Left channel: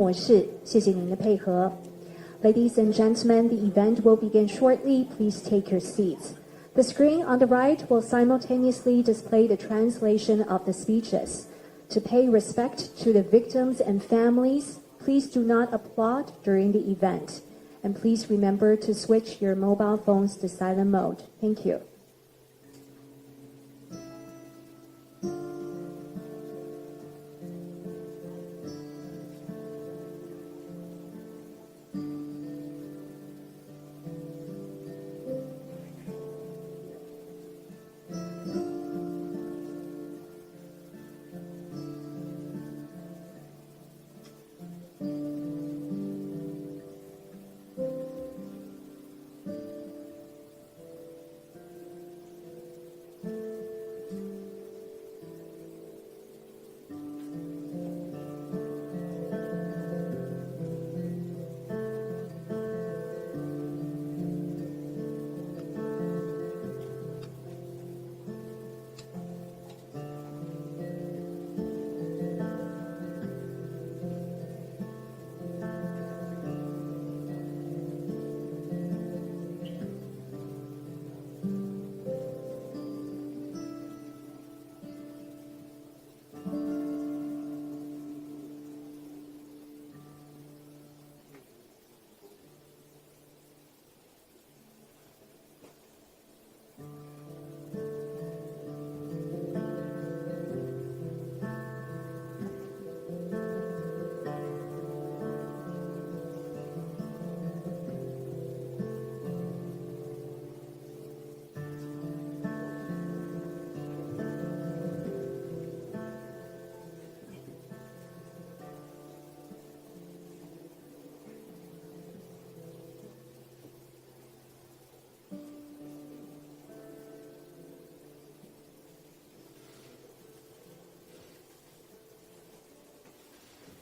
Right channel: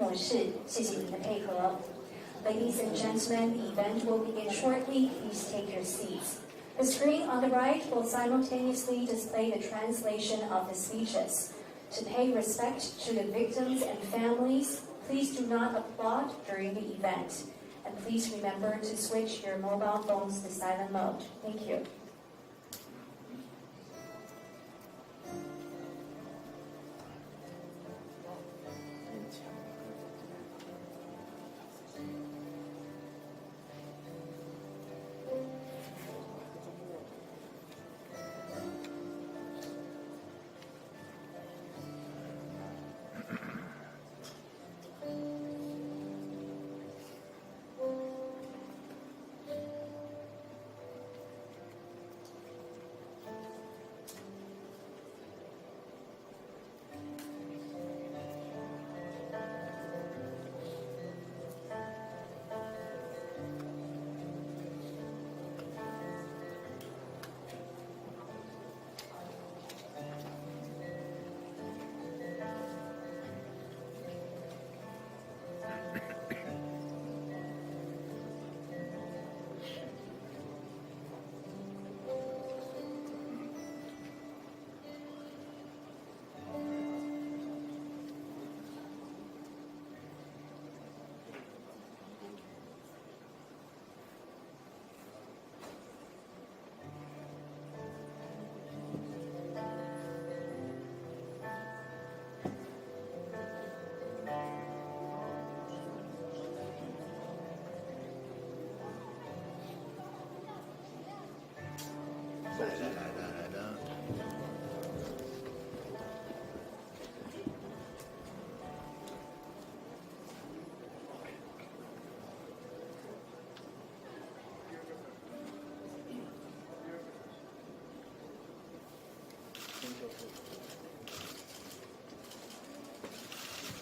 模式，谢谢您的配合。Ladies and gentlemen, the event will begin shortly. Please take your seats. The screen on the right will simultaneously display the translation of the speeches. To pay respect to the victims and families, please do not applaud during the event. And please remember to switch your mobile phones to silent mode. Thank you.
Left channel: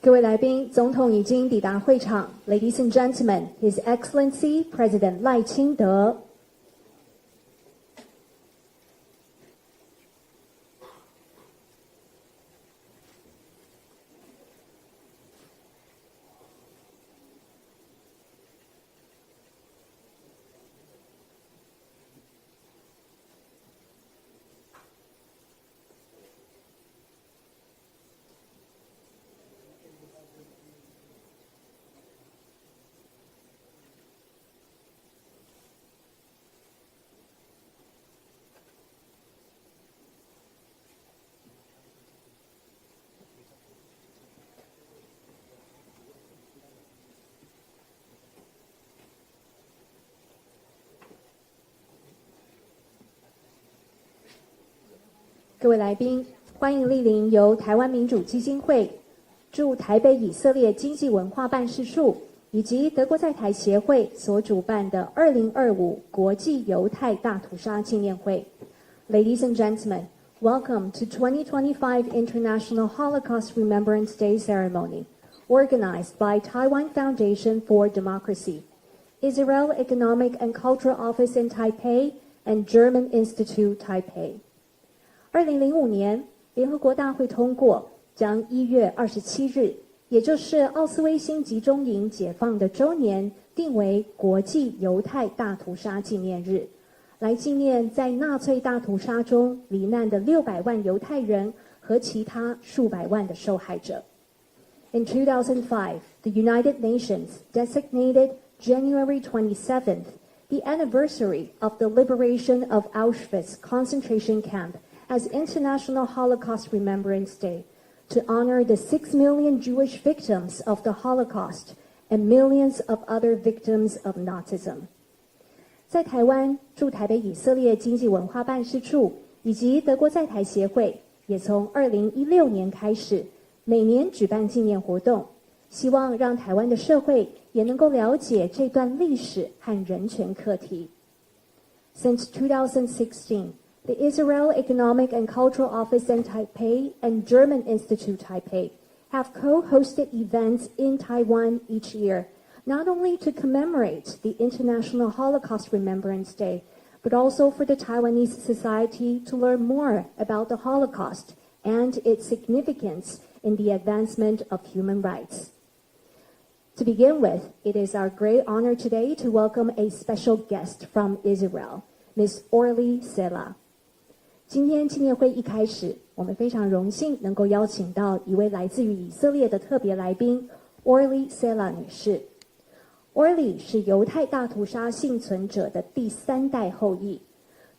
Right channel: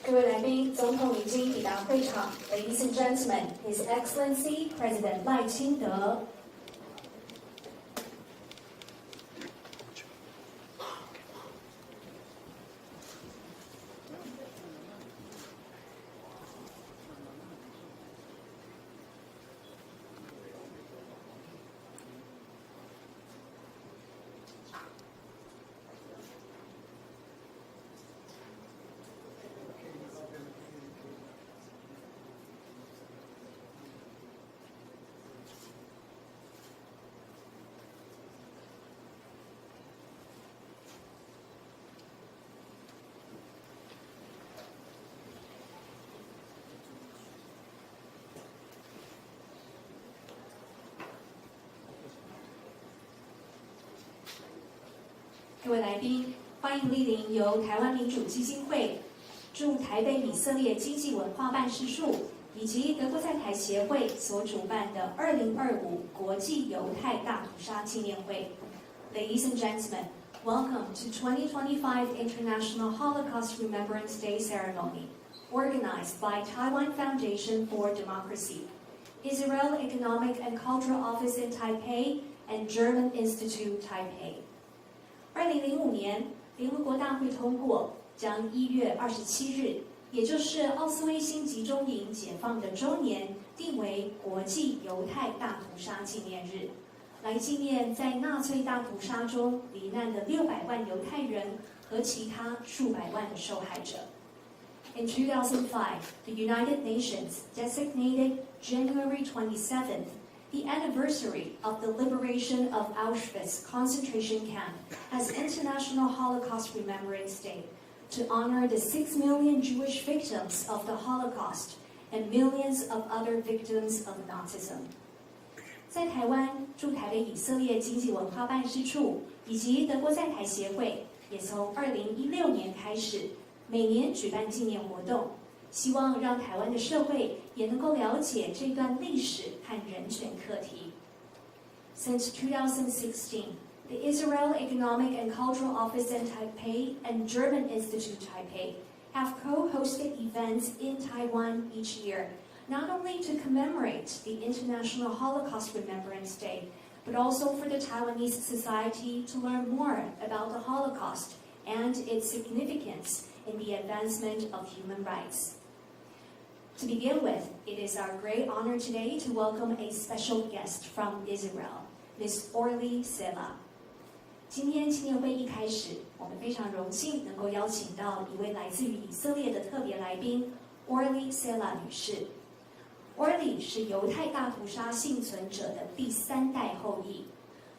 各位来宾，总统已经抵达会场。Ladies and gentlemen, His Excellency President 赖清德。各位来宾，欢迎莅临由台湾民主基金会、驻台北以色列经济文化办事处以及德国在台协会所主办的2025国际犹太大屠杀纪念会。Ladies and gentlemen, welcome to 2025 International Holocaust Remembrance Day ceremony, organized by Taiwan Foundation for Democracy, Israel Economic and Cultural Office in Taipei, and German Institute Taipei. 2005年，联合国大会通过将1月27日，也就是奥斯威辛集中营解放的周年，定为国际犹太大屠杀纪念日，来纪念在纳粹大屠杀中罹难的600万犹太人和其他数百万的受害者。In 2005, the United Nations designated January 27th the anniversary of the liberation of Auschwitz concentration camp as International Holocaust Remembrance Day to honor the 6 million Jewish victims of the Holocaust and millions of other victims of Nazism. 在台湾驻台北以色列经济文化办事处以及德国在台协会也从2016年开始每年举办纪念活动，希望让台湾的社会也能够了解这段历史和人权课题。Since 2016, the Israel Economic and Cultural Office in Taipei and German Institute Taipei have co-hosted events in Taiwan each year, not only to commemorate the International Holocaust Remembrance Day, but also for the Taiwanese society to learn more about the Holocaust and its significance in the advancement of human rights. To begin with, it is our great honor today to welcome a special guest from Israel, Ms. Orly Sela. 今天纪念会一开始，我们非常荣幸能够邀请到一位来自于以色列的特别来宾 Orly Sela 女士。Orly 是犹太大屠杀幸存者的第3代后裔。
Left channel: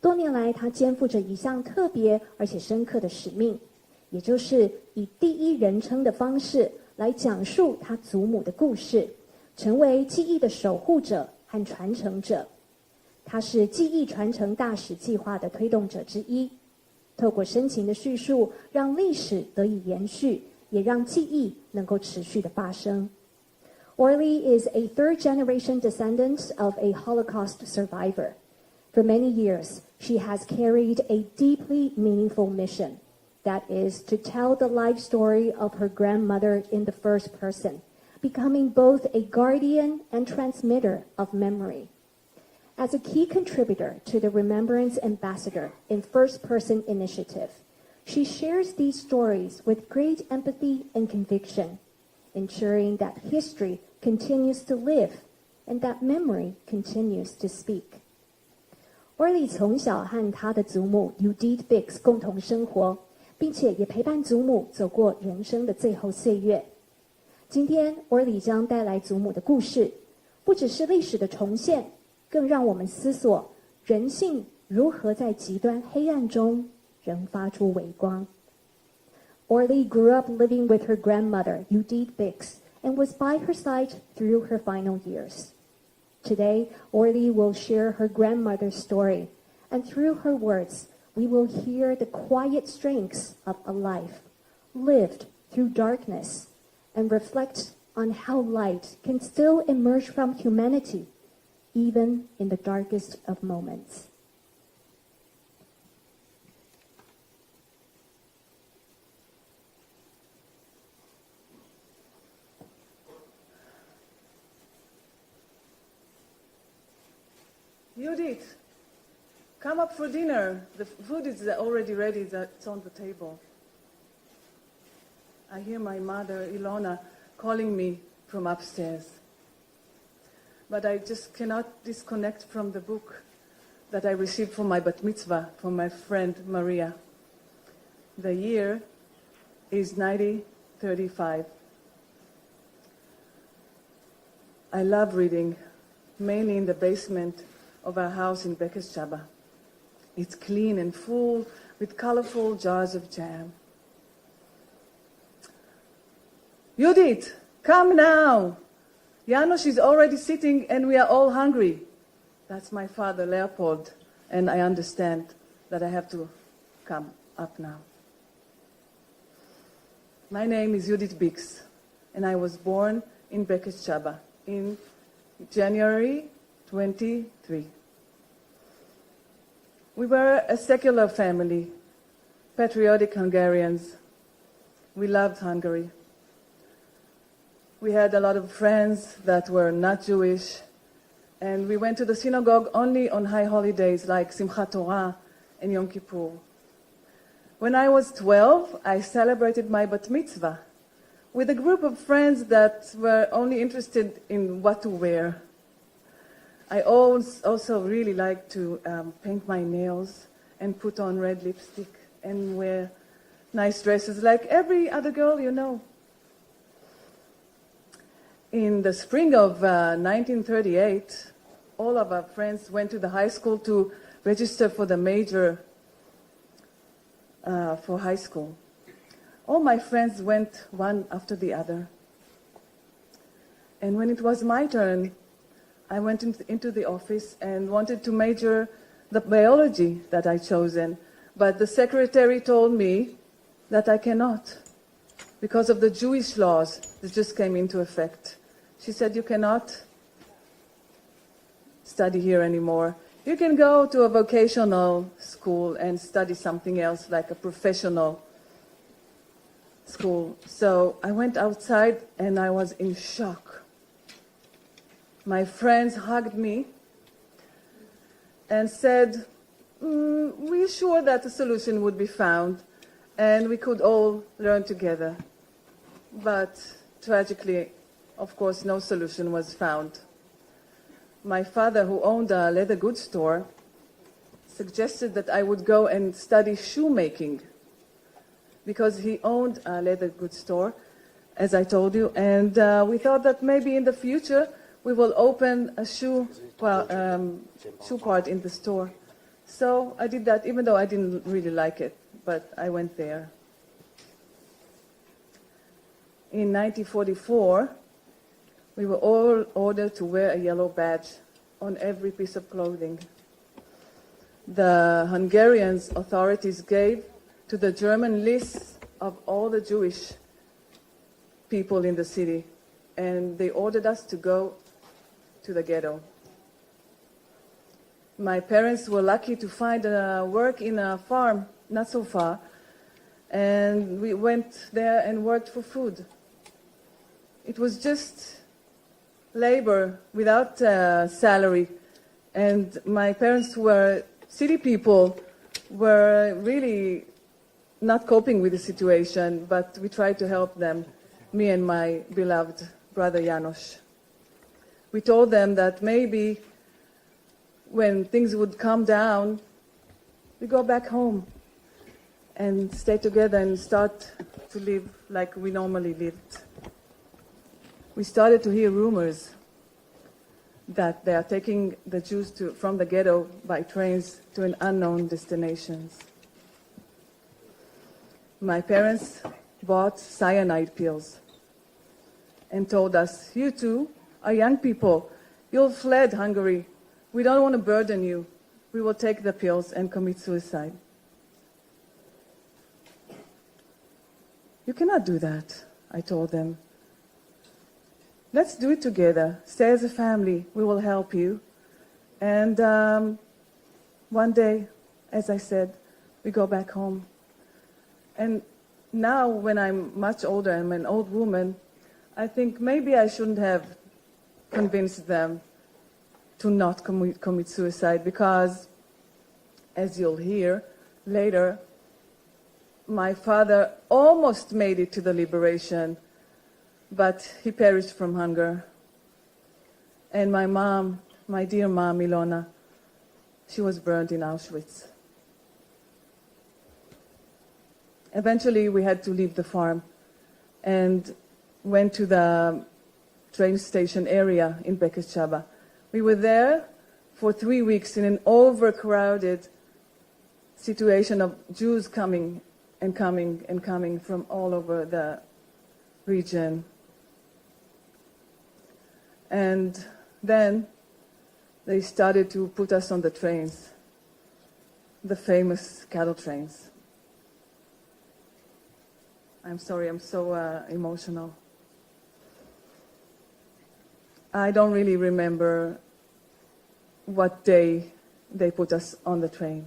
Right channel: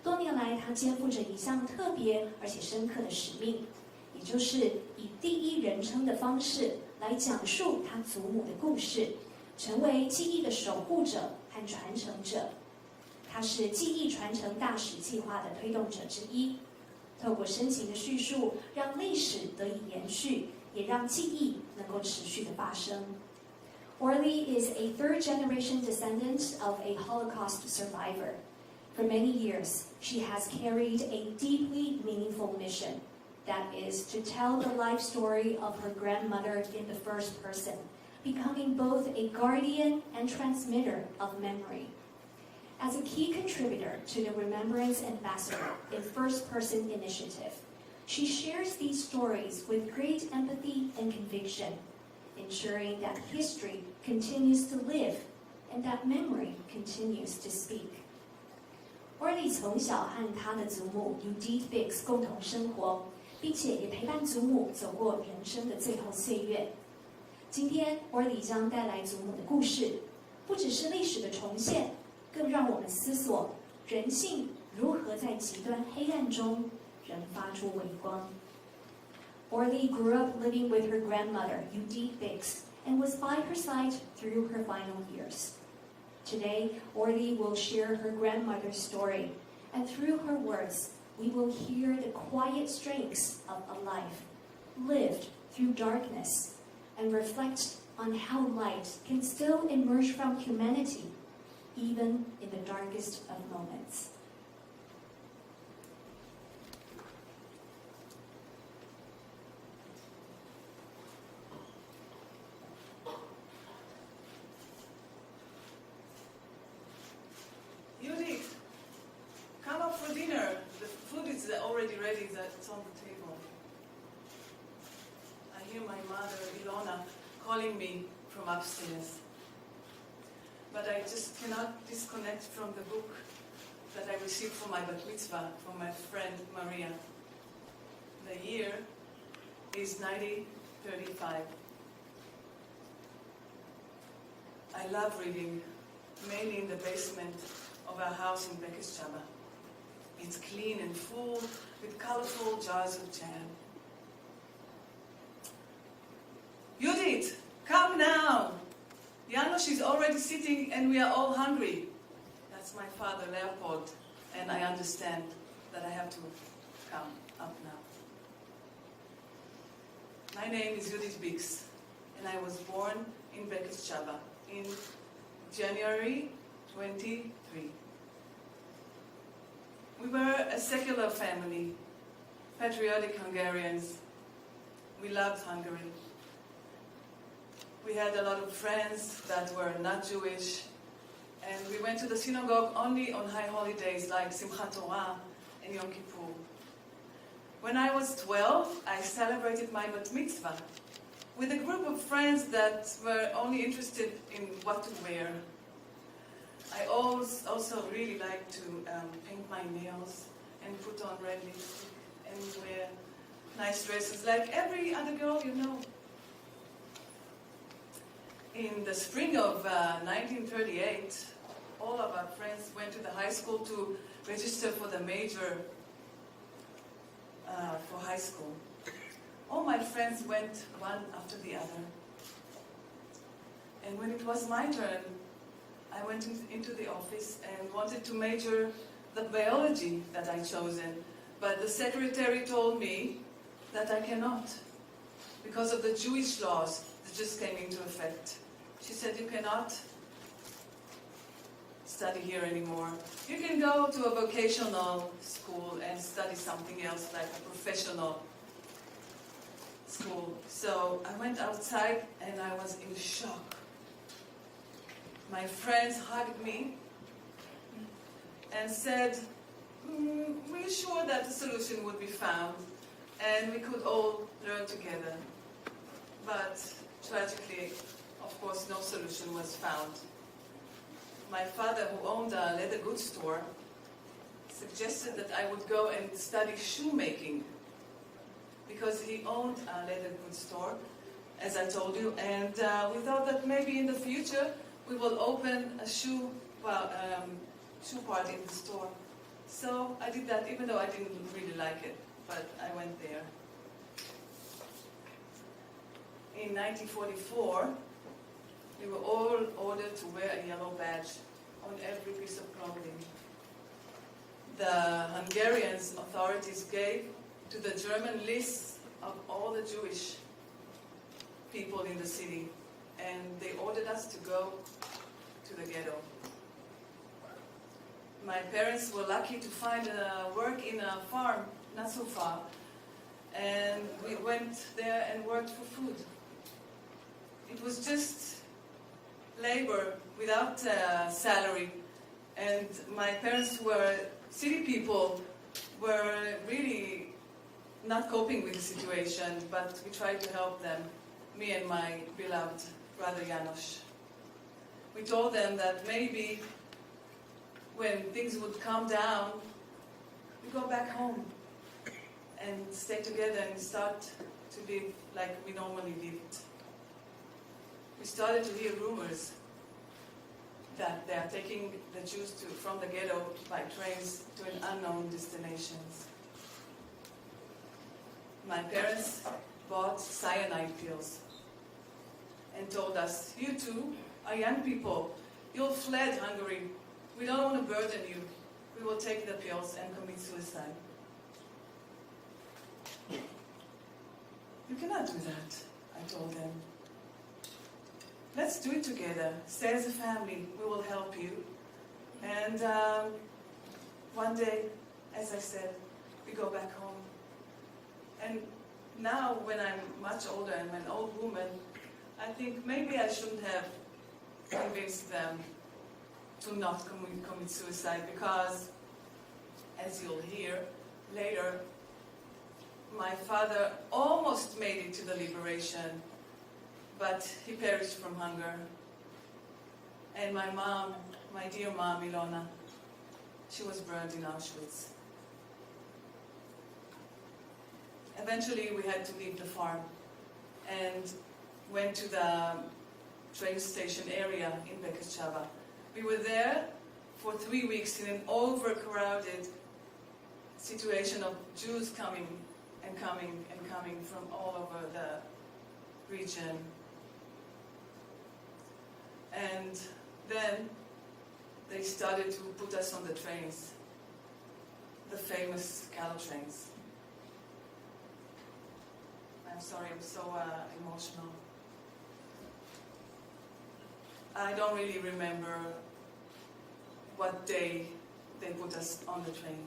多年来，她肩负着一项特别而且深刻的使命，也就是以第一人称的方式来讲述她祖母的故事，成为记忆的守护者和传承者。她是记忆传承大使计划的推动者之一，透过深情的叙述，让历史得以延续，也让记忆能够持续的发生。Orly is a third-generation descendant of a Holocaust survivor. For many years, she has carried a deeply meaningful mission, that is, to tell the life story of her grandmother in the first person, becoming both a guardian and transmitter of memory. As a key contributor to the Remembrance Ambassador in First Person Initiative, she shares these stories with great empathy and conviction, ensuring that history continues to live and that memory continues to speak. Orly 从小和她的祖母 Judith Bix 共同生活，并且也陪伴祖母走过人生的最后岁月。今天 Orly 将带来祖母的故事，不只是历史的重现，更让我们思索人性如何在极端黑暗中仍发出微光。Orly grew up living with her grandmother, Judith Bix, and was by her side through her final years. Today, Orly will share her grandmother's story, and through her words, we will hear the quiet strengths of a life lived through darkness, and reflect on how light can still emerge from humanity, even in the darkest of moments. Judith, come up for dinner. The food is already ready, it's on the table. I hear my mother, Ilona, calling me from upstairs. But I just cannot disconnect from the book that I received for my bat mitzvah from my friend Maria. The year is 1935. I love reading, mainly in the basement of our house in Bekes Chaba. It's clean and full with colorful jars of jam. Judith, come now! Janos is already sitting and we are all hungry. That's my father, Leopold, and I understand that I have to come up now. My name is Judith Bix, and I was born in Bekes Chaba in January 23. We were a secular family, patriotic Hungarians. We loved Hungary. We had a lot of friends that were not Jewish, and we went to the synagogue only on high holidays like Simchat Torah and Yom Kippur. When I was 12, I celebrated my bat mitzvah with a group of friends that were only interested in what to wear. I also really like to paint my nails and put on red lipstick and wear nice dresses like every other girl you know. In the spring of 1938, all of our friends went to the high school to register for the major for high school. All my friends went one after the other. And when it was my turn, I went into the office and wanted to major the biology that I chosen, but the secretary told me that I cannot because of the Jewish laws that just came into effect. She said, you cannot study here anymore. You can go to a vocational school and study something else, like a professional school. So I went outside and I was in shock. My friends hugged me and said, we're sure that a solution would be found and we could all learn together. But tragically, of course, no solution was found. My father, who owned a leather goods store, suggested that I would go and study shoemaking because he owned a leather goods store, as I told you, and we thought that maybe in the future we will open a shoe part in the store. So I did that, even though I didn't really like it, but I went there. In 1944, we were all ordered to wear a yellow badge on every piece of clothing. The Hungarian authorities gave to the German lists of all the Jewish people in the city, and they ordered us to go to the ghetto. My parents were lucky to find work in a farm not so far, and we went there and worked for food. It was just labor without salary, and my parents were city people, were really not coping with the situation, but we tried to help them, me and my beloved brother Janos. We told them that maybe when things would calm down, we go back home and stay together and start to live like we normally lived. We started to hear rumors that they are taking the Jews from the ghetto by trains to an unknown destinations. My parents bought cyanide pills and told us, "You two are young people. You'll fled Hungary. We don't want to burden you. We will take the pills and commit suicide." "You cannot do that," I told them. "Let's do it together. Stay as a family. We will help you." And one day, as I said, we go back home. And now, when I'm much older, I'm an old woman, I think maybe I shouldn't have convinced them to not commit suicide, because, as you'll hear later, my father almost made it to the liberation, but he perished from hunger. And my mom, my dear mom, Ilona, she was burned in Auschwitz. Eventually, we had to leave the farm and went to the train station area in Bekeshaba. We were there for 3 weeks in an overcrowded situation of Jews coming and coming and coming from all over the region. And then they started to put us on the trains, the famous cattle trains. I'm sorry, I'm so emotional. I don't really remember what day they put us on the train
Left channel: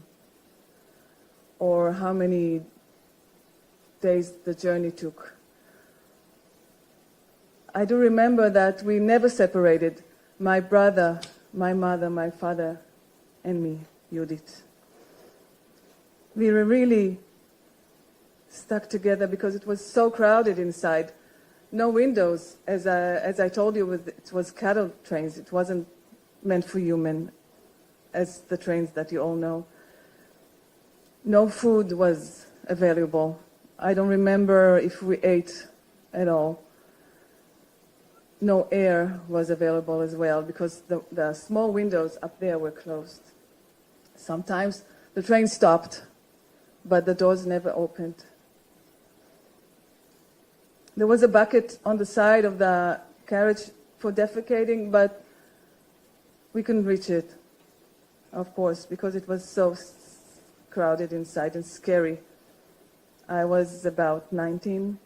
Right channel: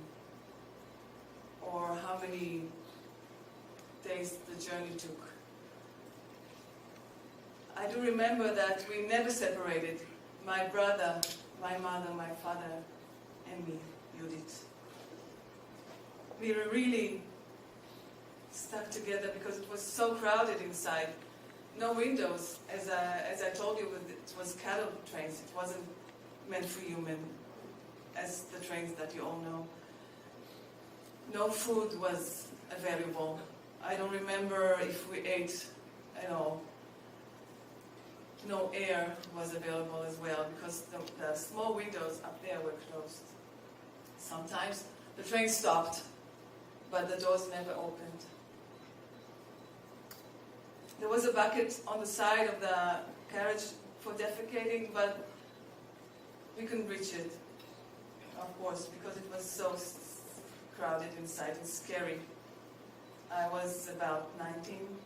or how many days the journey took. I do remember that we never separated, my brother, my mother, my father, and me, Judith. We were really stuck together because it was so crowded inside. No windows, as I told you, it was cattle trains. It wasn't meant for human, as the trains that you all know. No food was available. I don't remember if we ate at all. No air was available as well, because the small windows up there were closed. Sometimes the train stopped, but the doors never opened. There was a bucket on the side of the carriage for defecating, but we couldn't reach it, of course, because it was so crowded inside and scary. I was about 19.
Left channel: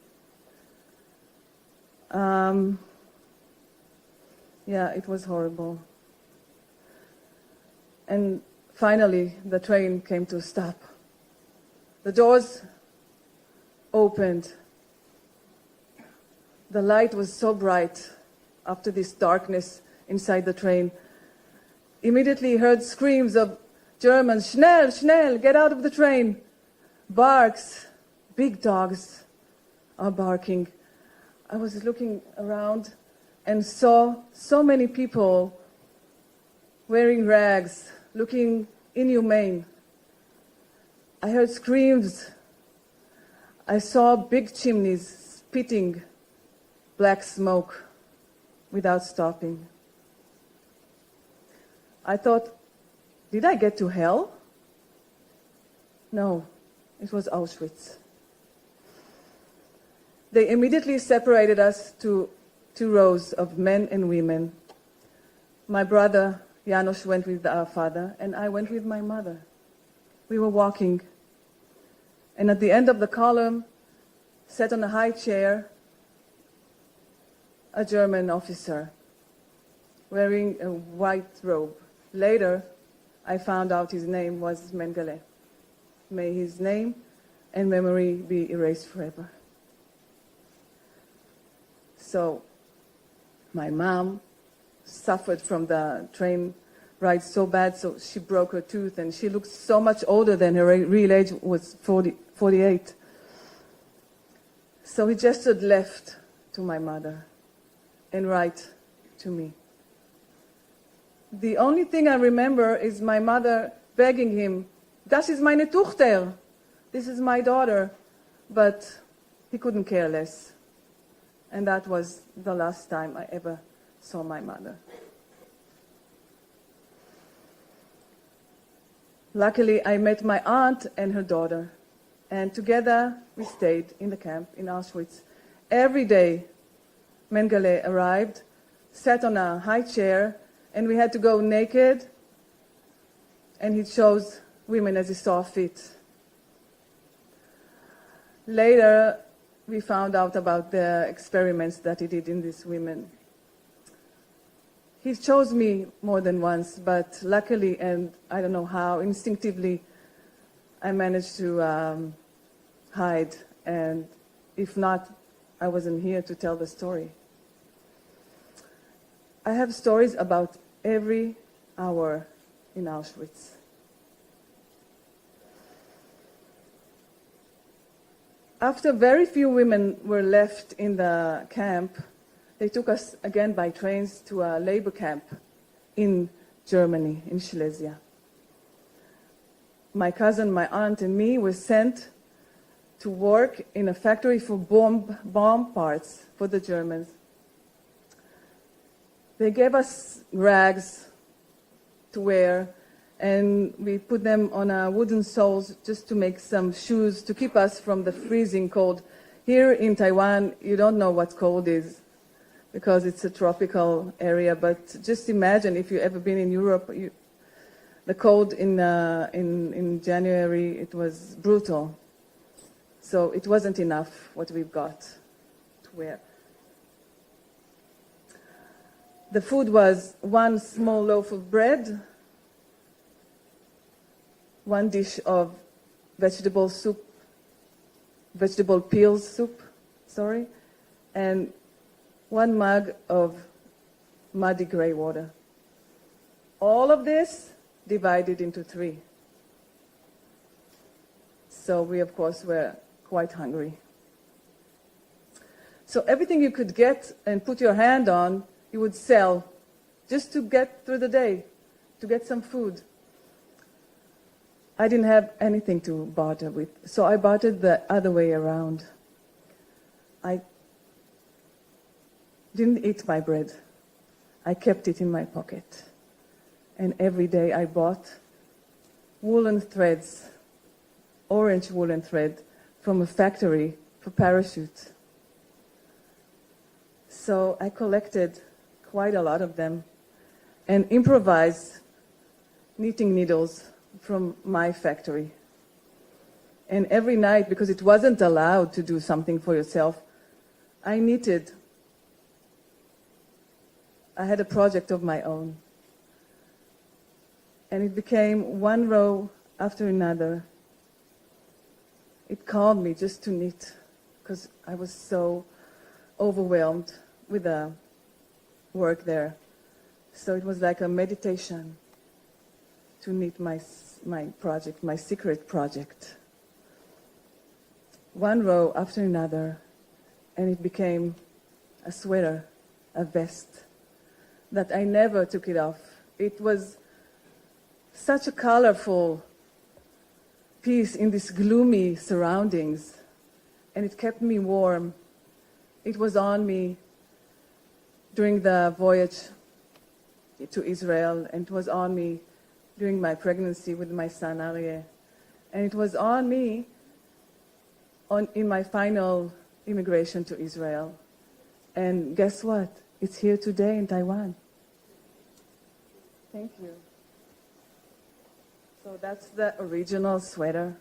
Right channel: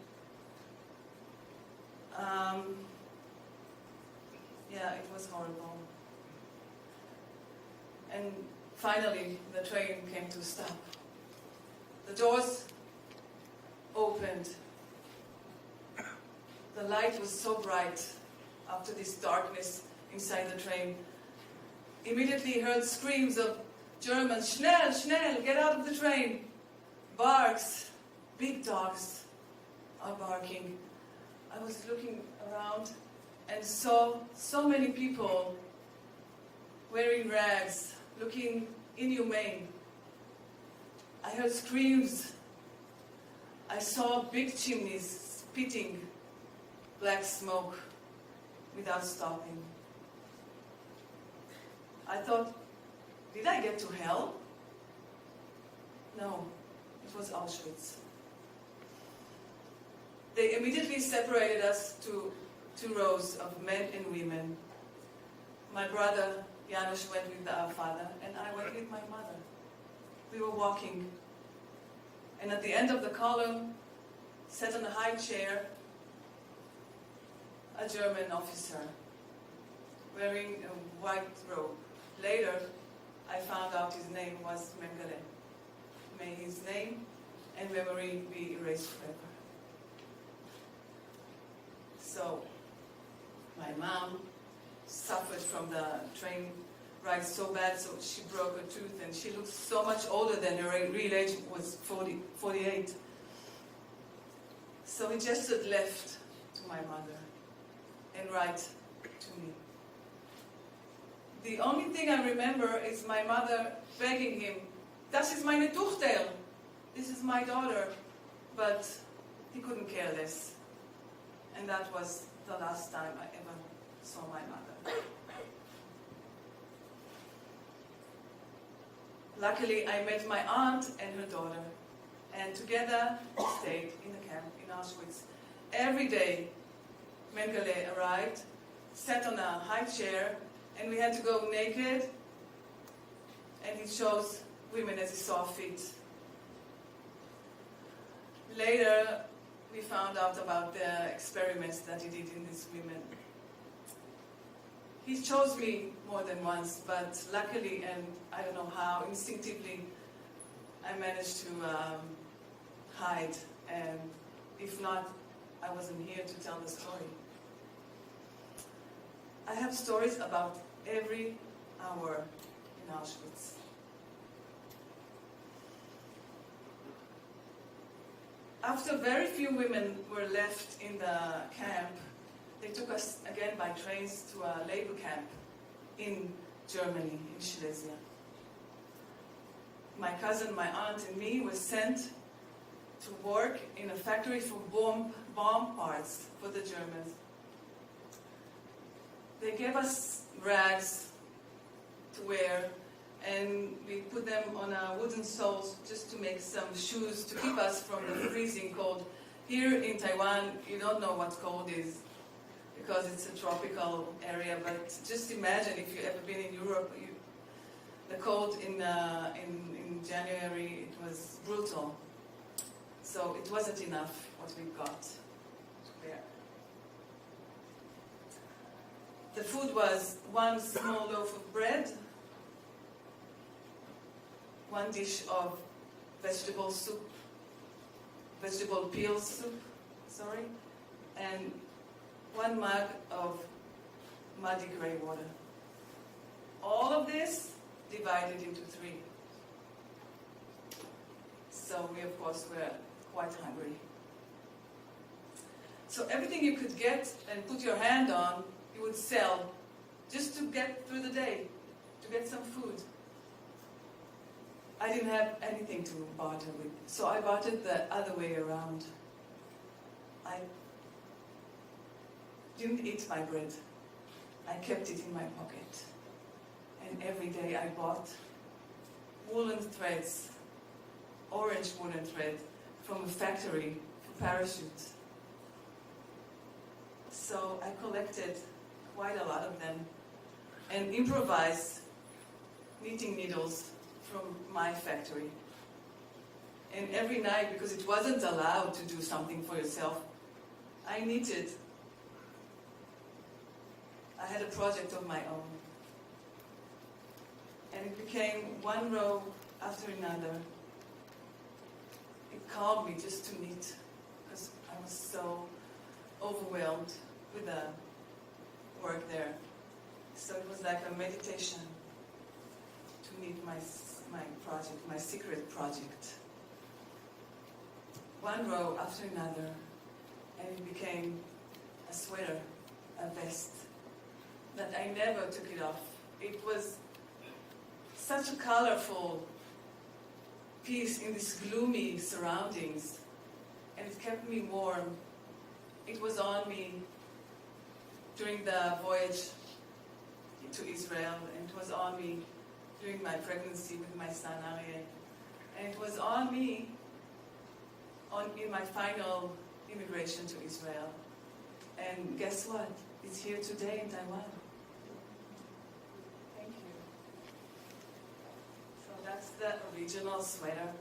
Yeah, it was horrible. And finally, the train came to a stop. The doors opened. The light was so bright after this darkness inside the train. Immediately heard screams of Germans, "Schnell, schnell, get out of the train." Barks, big dogs are barking. I was looking around and saw so many people wearing rags, looking inhumane. I heard screams. I saw big chimneys spitting black smoke without stopping. I thought, did I get to hell? No, it was Auschwitz. They immediately separated us to 2 rows of men and women. My brother, Janos, went with our father, and I went with my mother. We were walking, and at the end of the column, sat on a high chair, a German officer wearing a white robe. Later, I found out his name was Mengele. May his name and memory be erased forever. So, my mom suffered from the train ride so bad, so she broke her tooth, and she looked so much older than her real age was 48. So he gestured left to my mother and right to me. The only thing I remember is my mother begging him, "Das ist meine Tochter, this is my daughter," but he couldn't care less. And that was the last time I ever saw my mother. Luckily, I met my aunt and her daughter, and together we stayed in the camp in Auschwitz. Every day, Mengele arrived, sat on a high chair, and we had to go naked, and he chose women as he saw fit. Later, we found out about the experiments that he did in these women. He chose me more than once, but luckily, and I don't know how, instinctively, I managed to hide, and if not, I wasn't here to tell the story. I have stories about every hour in Auschwitz. After very few women were left in the camp, they took us again by trains to a labor camp in Germany, in Silesia. My cousin, my aunt, and me were sent to work in a factory for bomb parts for the Germans. They gave us rags to wear, and we put them on wooden soles just to make some shoes to keep us from the freezing cold. Here in Taiwan, you don't know what cold is because it's a tropical area, but just imagine if you've ever been in Europe, the cold in January, it was brutal. So it wasn't enough what we've got to wear. The food was 1 small loaf of bread, 1 dish of vegetable peel soup, and 1 mug of muddy gray water. All of this divided into 3. So we, of course, were quite hungry. So everything you could get and put your hand on, you would sell just to get through the day, to get some food. I didn't have anything to barter with, so I bartered the other way around. I didn't eat my bread. I kept it in my pocket. And every day I bought woolen threads, orange woolen thread, from a factory for parachutes. So I collected quite a lot of them and improvised knitting needles from my factory. And every night, because it wasn't allowed to do something for yourself, I knitted. I had a project of my own. And it became 1 row after another. It calmed me just to knit, because I was so overwhelmed with the work there. So it was like a meditation to knit my project, my secret project. 1 row after another, and it became a sweater, a vest that I never took it off. It was such a colorful piece in these gloomy surroundings, and it kept me warm. It was on me during the voyage to Israel, and it was on me during my pregnancy with my son Aryeh, and it was on me in my final immigration to Israel. And guess what? It's here today in Taiwan. Thank you. So that's the original sweater.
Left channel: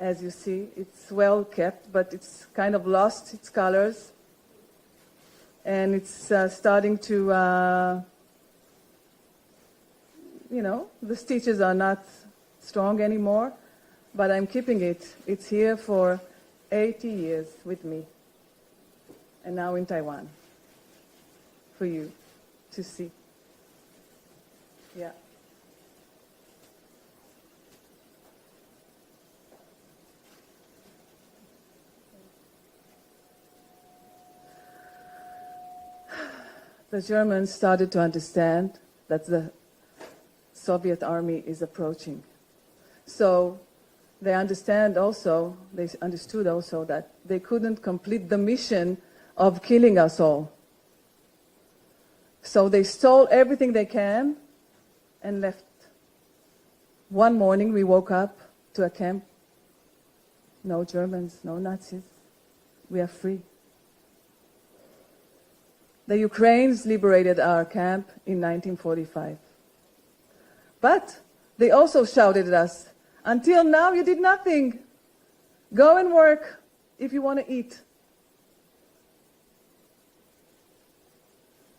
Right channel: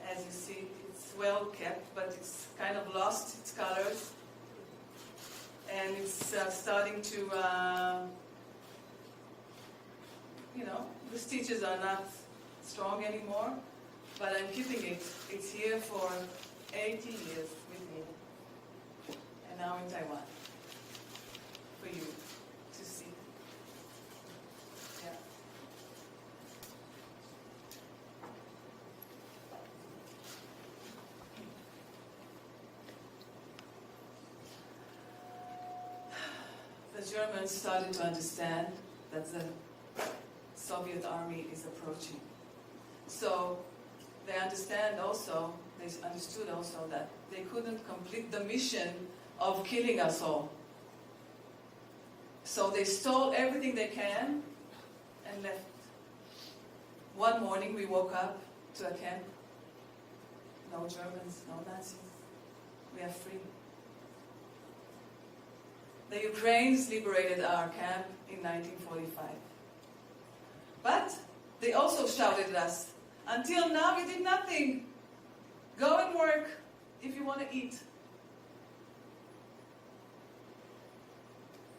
As you see, it's well kept, but it's kind of lost its colors. And it's starting to, the stitches are not strong anymore, but I'm keeping it. It's here for 80 years with me. And now in Taiwan for you to see. Yeah. The Germans started to understand that the Soviet army is approaching. So they understood also that they couldn't complete the mission of killing us all. So they stole everything they can and left. One morning we woke up to a camp. No Germans, no Nazis. We are free. The Ukrainians liberated our camp in 1945. But they also shouted at us, until now you did nothing. Go and work if you want to eat.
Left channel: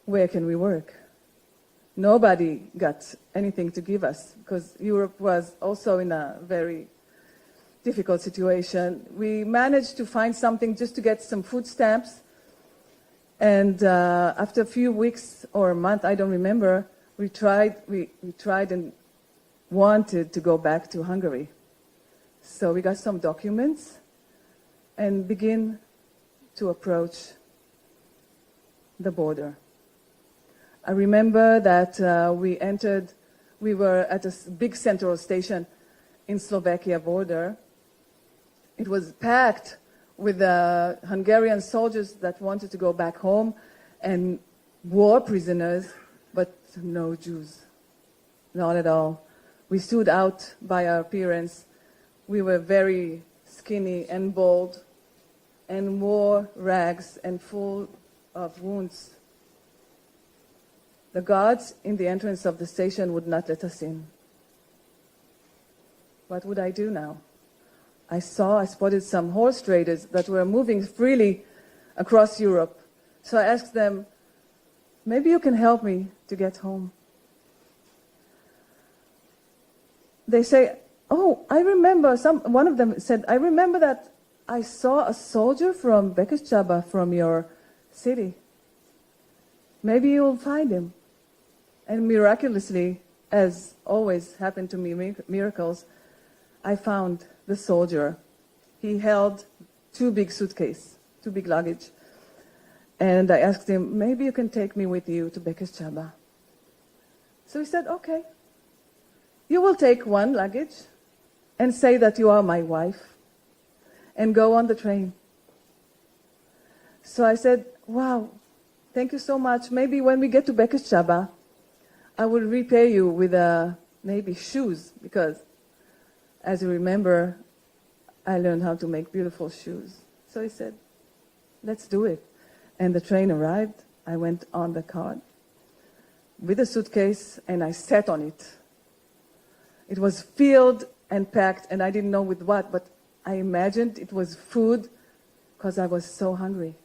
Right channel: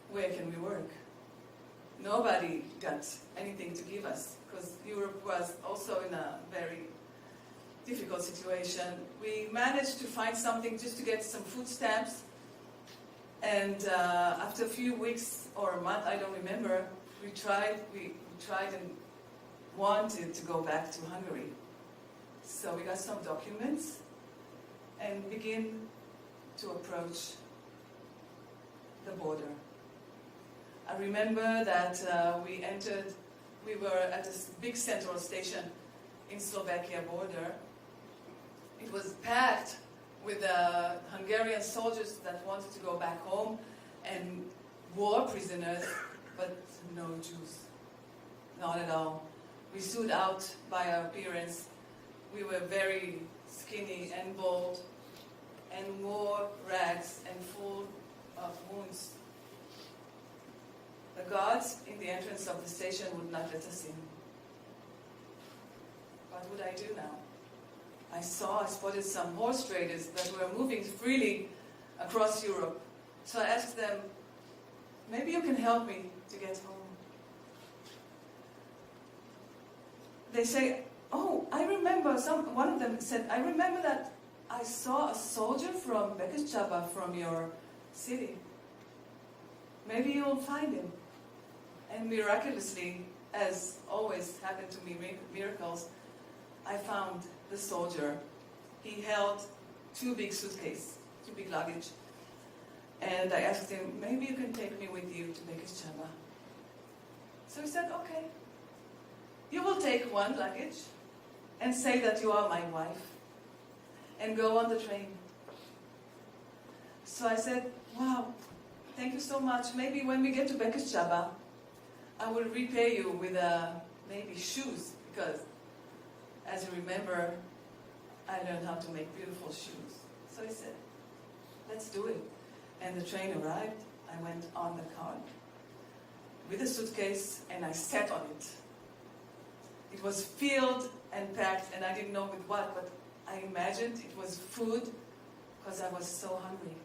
Where can we work? Nobody got anything to give us because Europe was also in a very difficult situation. We managed to find something just to get some food stamps. And after a few weeks or a month, I don't remember, we tried and wanted to go back to Hungary. So we got some documents and begin to approach the border. I remember that we were at a big central station in Slovakia border. It was packed with Hungarian soldiers that wanted to go back home and war prisoners, but no Jews, not at all. We stood out by our appearance. We were very skinny and bald and wore rags and full of wounds. The guards in the entrance of the station would not let us in. What would I do now? I spotted some horse traders that were moving freely across Europe. So I asked them, maybe you can help me to get home. They say, oh, I remember, one of them said, I remember that I saw a soldier from Bekeshchaba from your city. Maybe you'll find him. And miraculously, as always happened to me, miracles, I found the soldier. He held two big luggage. And I asked him, maybe you can take me with you to Bekeshchaba. So he said, okay. You will take one luggage and say that you are my wife and go on the train. So I said, wow, thank you so much. Maybe when we get to Bekeshchaba, I will repay you with maybe shoes, because as you remember, I learned how to make beautiful shoes. So he said, let's do it. And the train arrived. I went on the car with a suitcase and I sat on it. It was filled and packed, and I didn't know with what, but I imagined it was food because I was so hungry.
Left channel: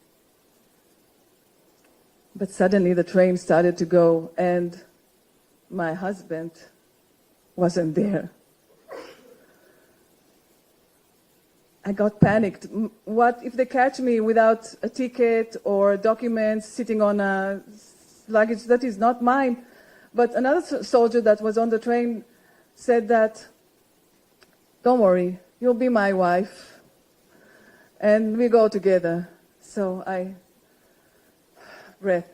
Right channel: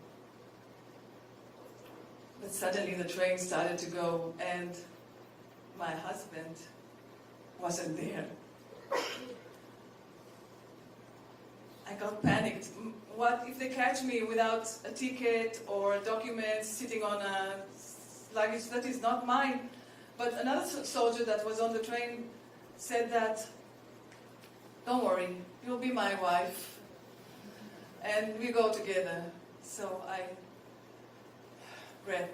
But suddenly the train started to go, and my husband wasn't there. I got panicked. What if they catch me without a ticket or documents, sitting on a luggage that is not mine? But another soldier that was on the train said that, don't worry, you'll be my wife, and we go together. So I breath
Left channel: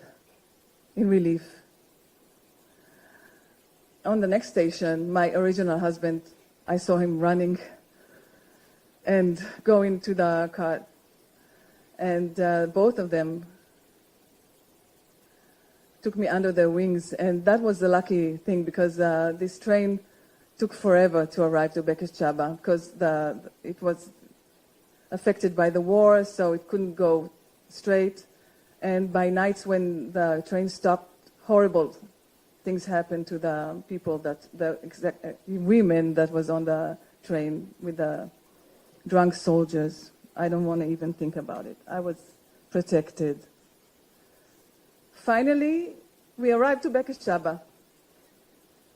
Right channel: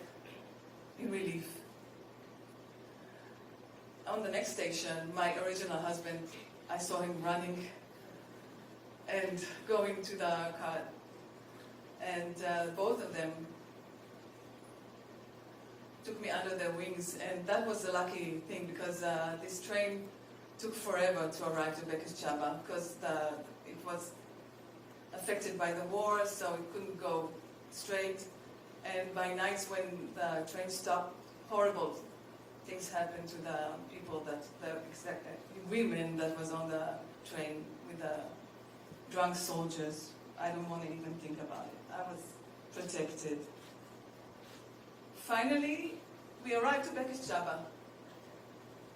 in relief. On the next station, my original husband, I saw him running and going to the car. And both of them took me under their wings. And that was the lucky thing, because this train took forever to arrive to Bekesh Chaba, because it was affected by the war, so it couldn't go straight. And by nights when the train stopped, horrible things happened to the people, the women that was on the train with the drunk soldiers. I don't want to even think about it. I was protected. Finally, we arrived to Bekesh Chaba.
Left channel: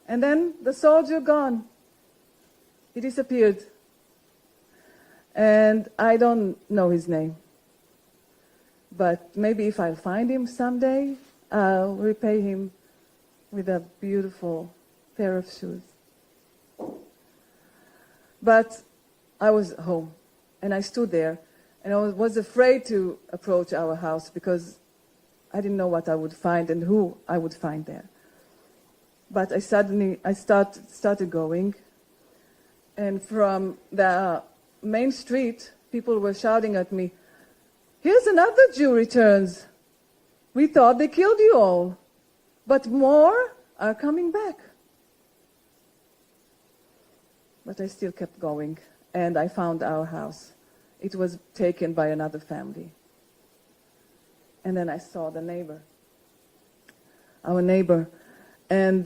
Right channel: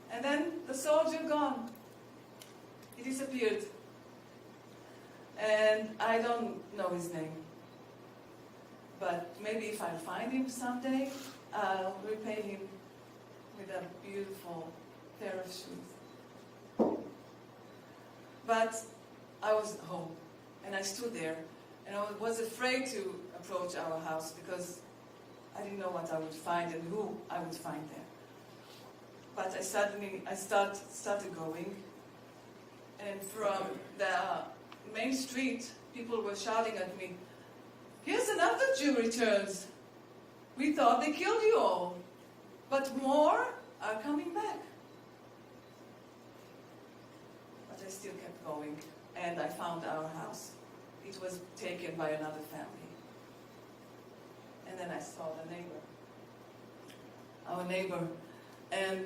And then the soldier gone. He disappeared. And I don't know his name. But maybe if I find him someday, I'll repay him with a beautiful pair of shoes. But I was home, and I stood there, and I was afraid to approach our house because I didn't know what I would find and who I would find there. But I started going, and from the main street, people were shouting at me, "Here's another Jew returns. We thought they killed you all, but more are coming back." But I still kept going, and I found our house. It was taken by another family. And then I saw the neighbor, our neighbor, and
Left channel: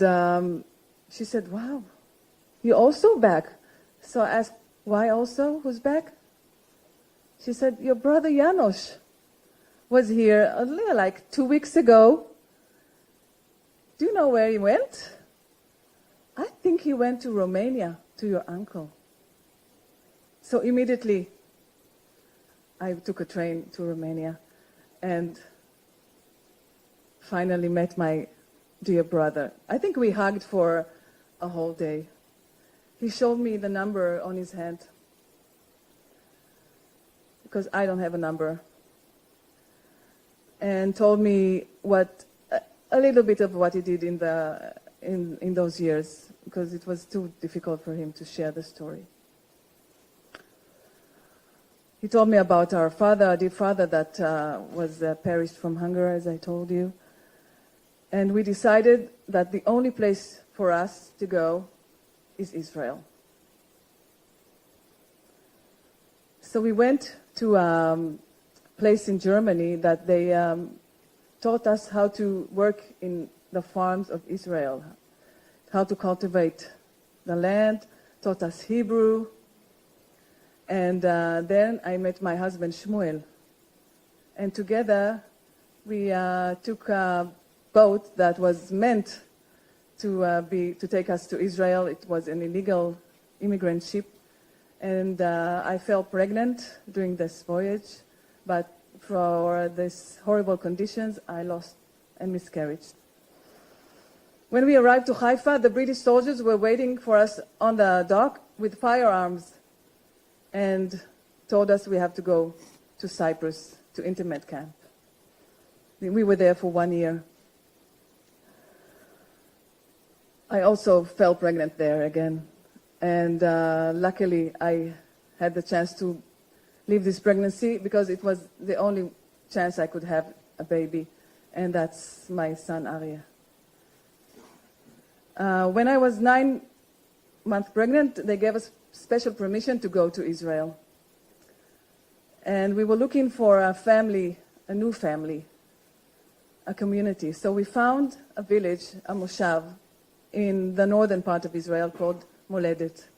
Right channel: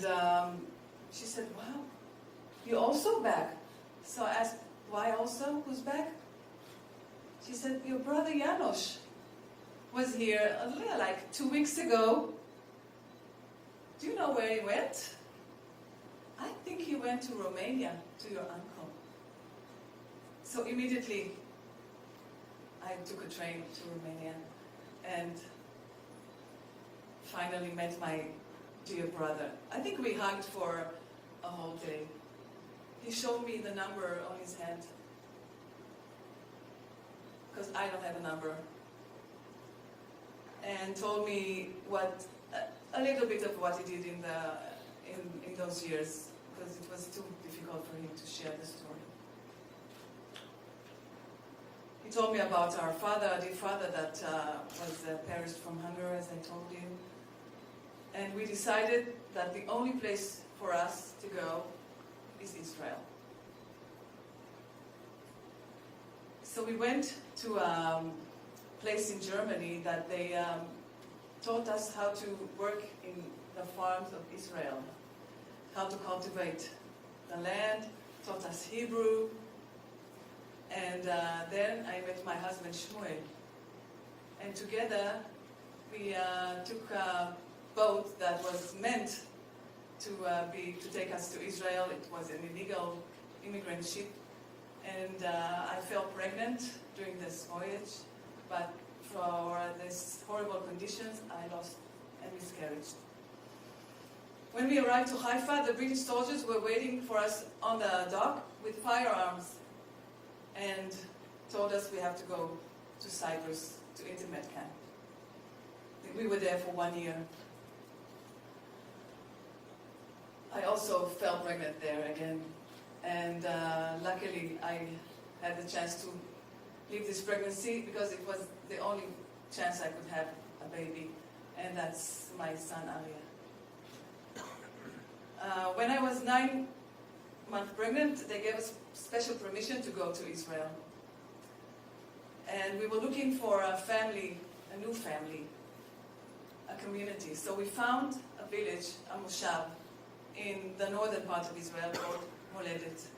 she said, "Wow, you're also back." So I asked, "Why also? Who's back?" She said, "Your brother Janosch was here like 2 weeks ago. Do you know where he went?" "I think he went to Romania, to your uncle." So immediately I took a train to Romania and finally met my dear brother. I think we hugged for a whole day. He showed me the number on his hand, because I don't have a number, and told me a little bit of what he did in those years, because it was too difficult for him to share the story. He told me about our father, our dear father, that was perished from hunger, as I told you. And we decided that the only place for us to go is Israel. So we went to a place in Germany that they taught us how to work in the farms of Israel, how to cultivate the land, taught us Hebrew. And then I met my husband Shmuel. And together we took a boat that was meant to take us to Israel. It was an illegal immigrant ship. And I fell pregnant during this voyage. But for these horrible conditions, I lost a miscarriage. When we arrived to Haifa, the British soldiers were waiting for us on the dock with firearms and told us we have to go to Cyprus, to internment camp. We were there for 1 year. I also fell pregnant there again. And luckily, I had the chance to leave this pregnancy because it was the only chance I could have a baby. And that's my son, Arya. When I was 9 months pregnant, they gave us special permission to go to Israel. And we were looking for a family, a new family, a community. So we found a village, a moshav, in the northern part of Israel called Moledet.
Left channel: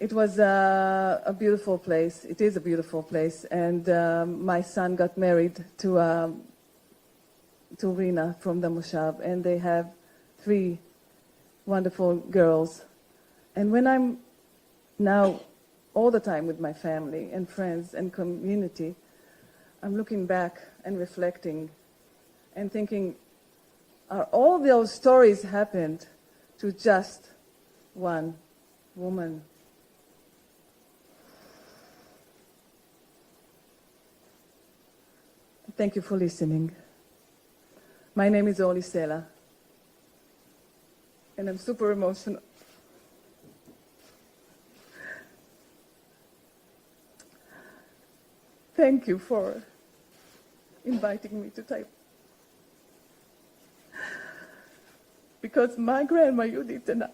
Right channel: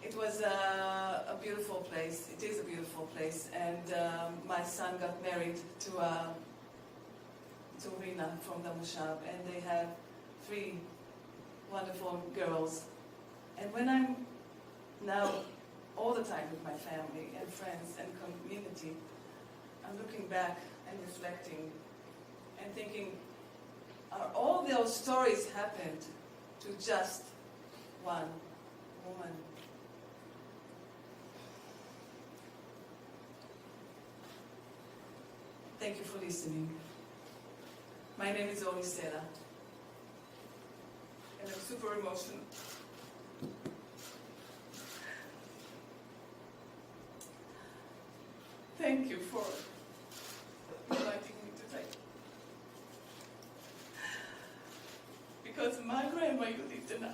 It was a beautiful place. It is a beautiful place. And my son got married to Rina from the moshav, and they have 3 wonderful girls. And when I'm now all the time with my family and friends and community, I'm looking back and reflecting and thinking, are all those stories happened to just one woman? thank you for listening. My name is Orly Sela, and I'm super emotional. Thank you for inviting me to take. Because my grandma Judith and I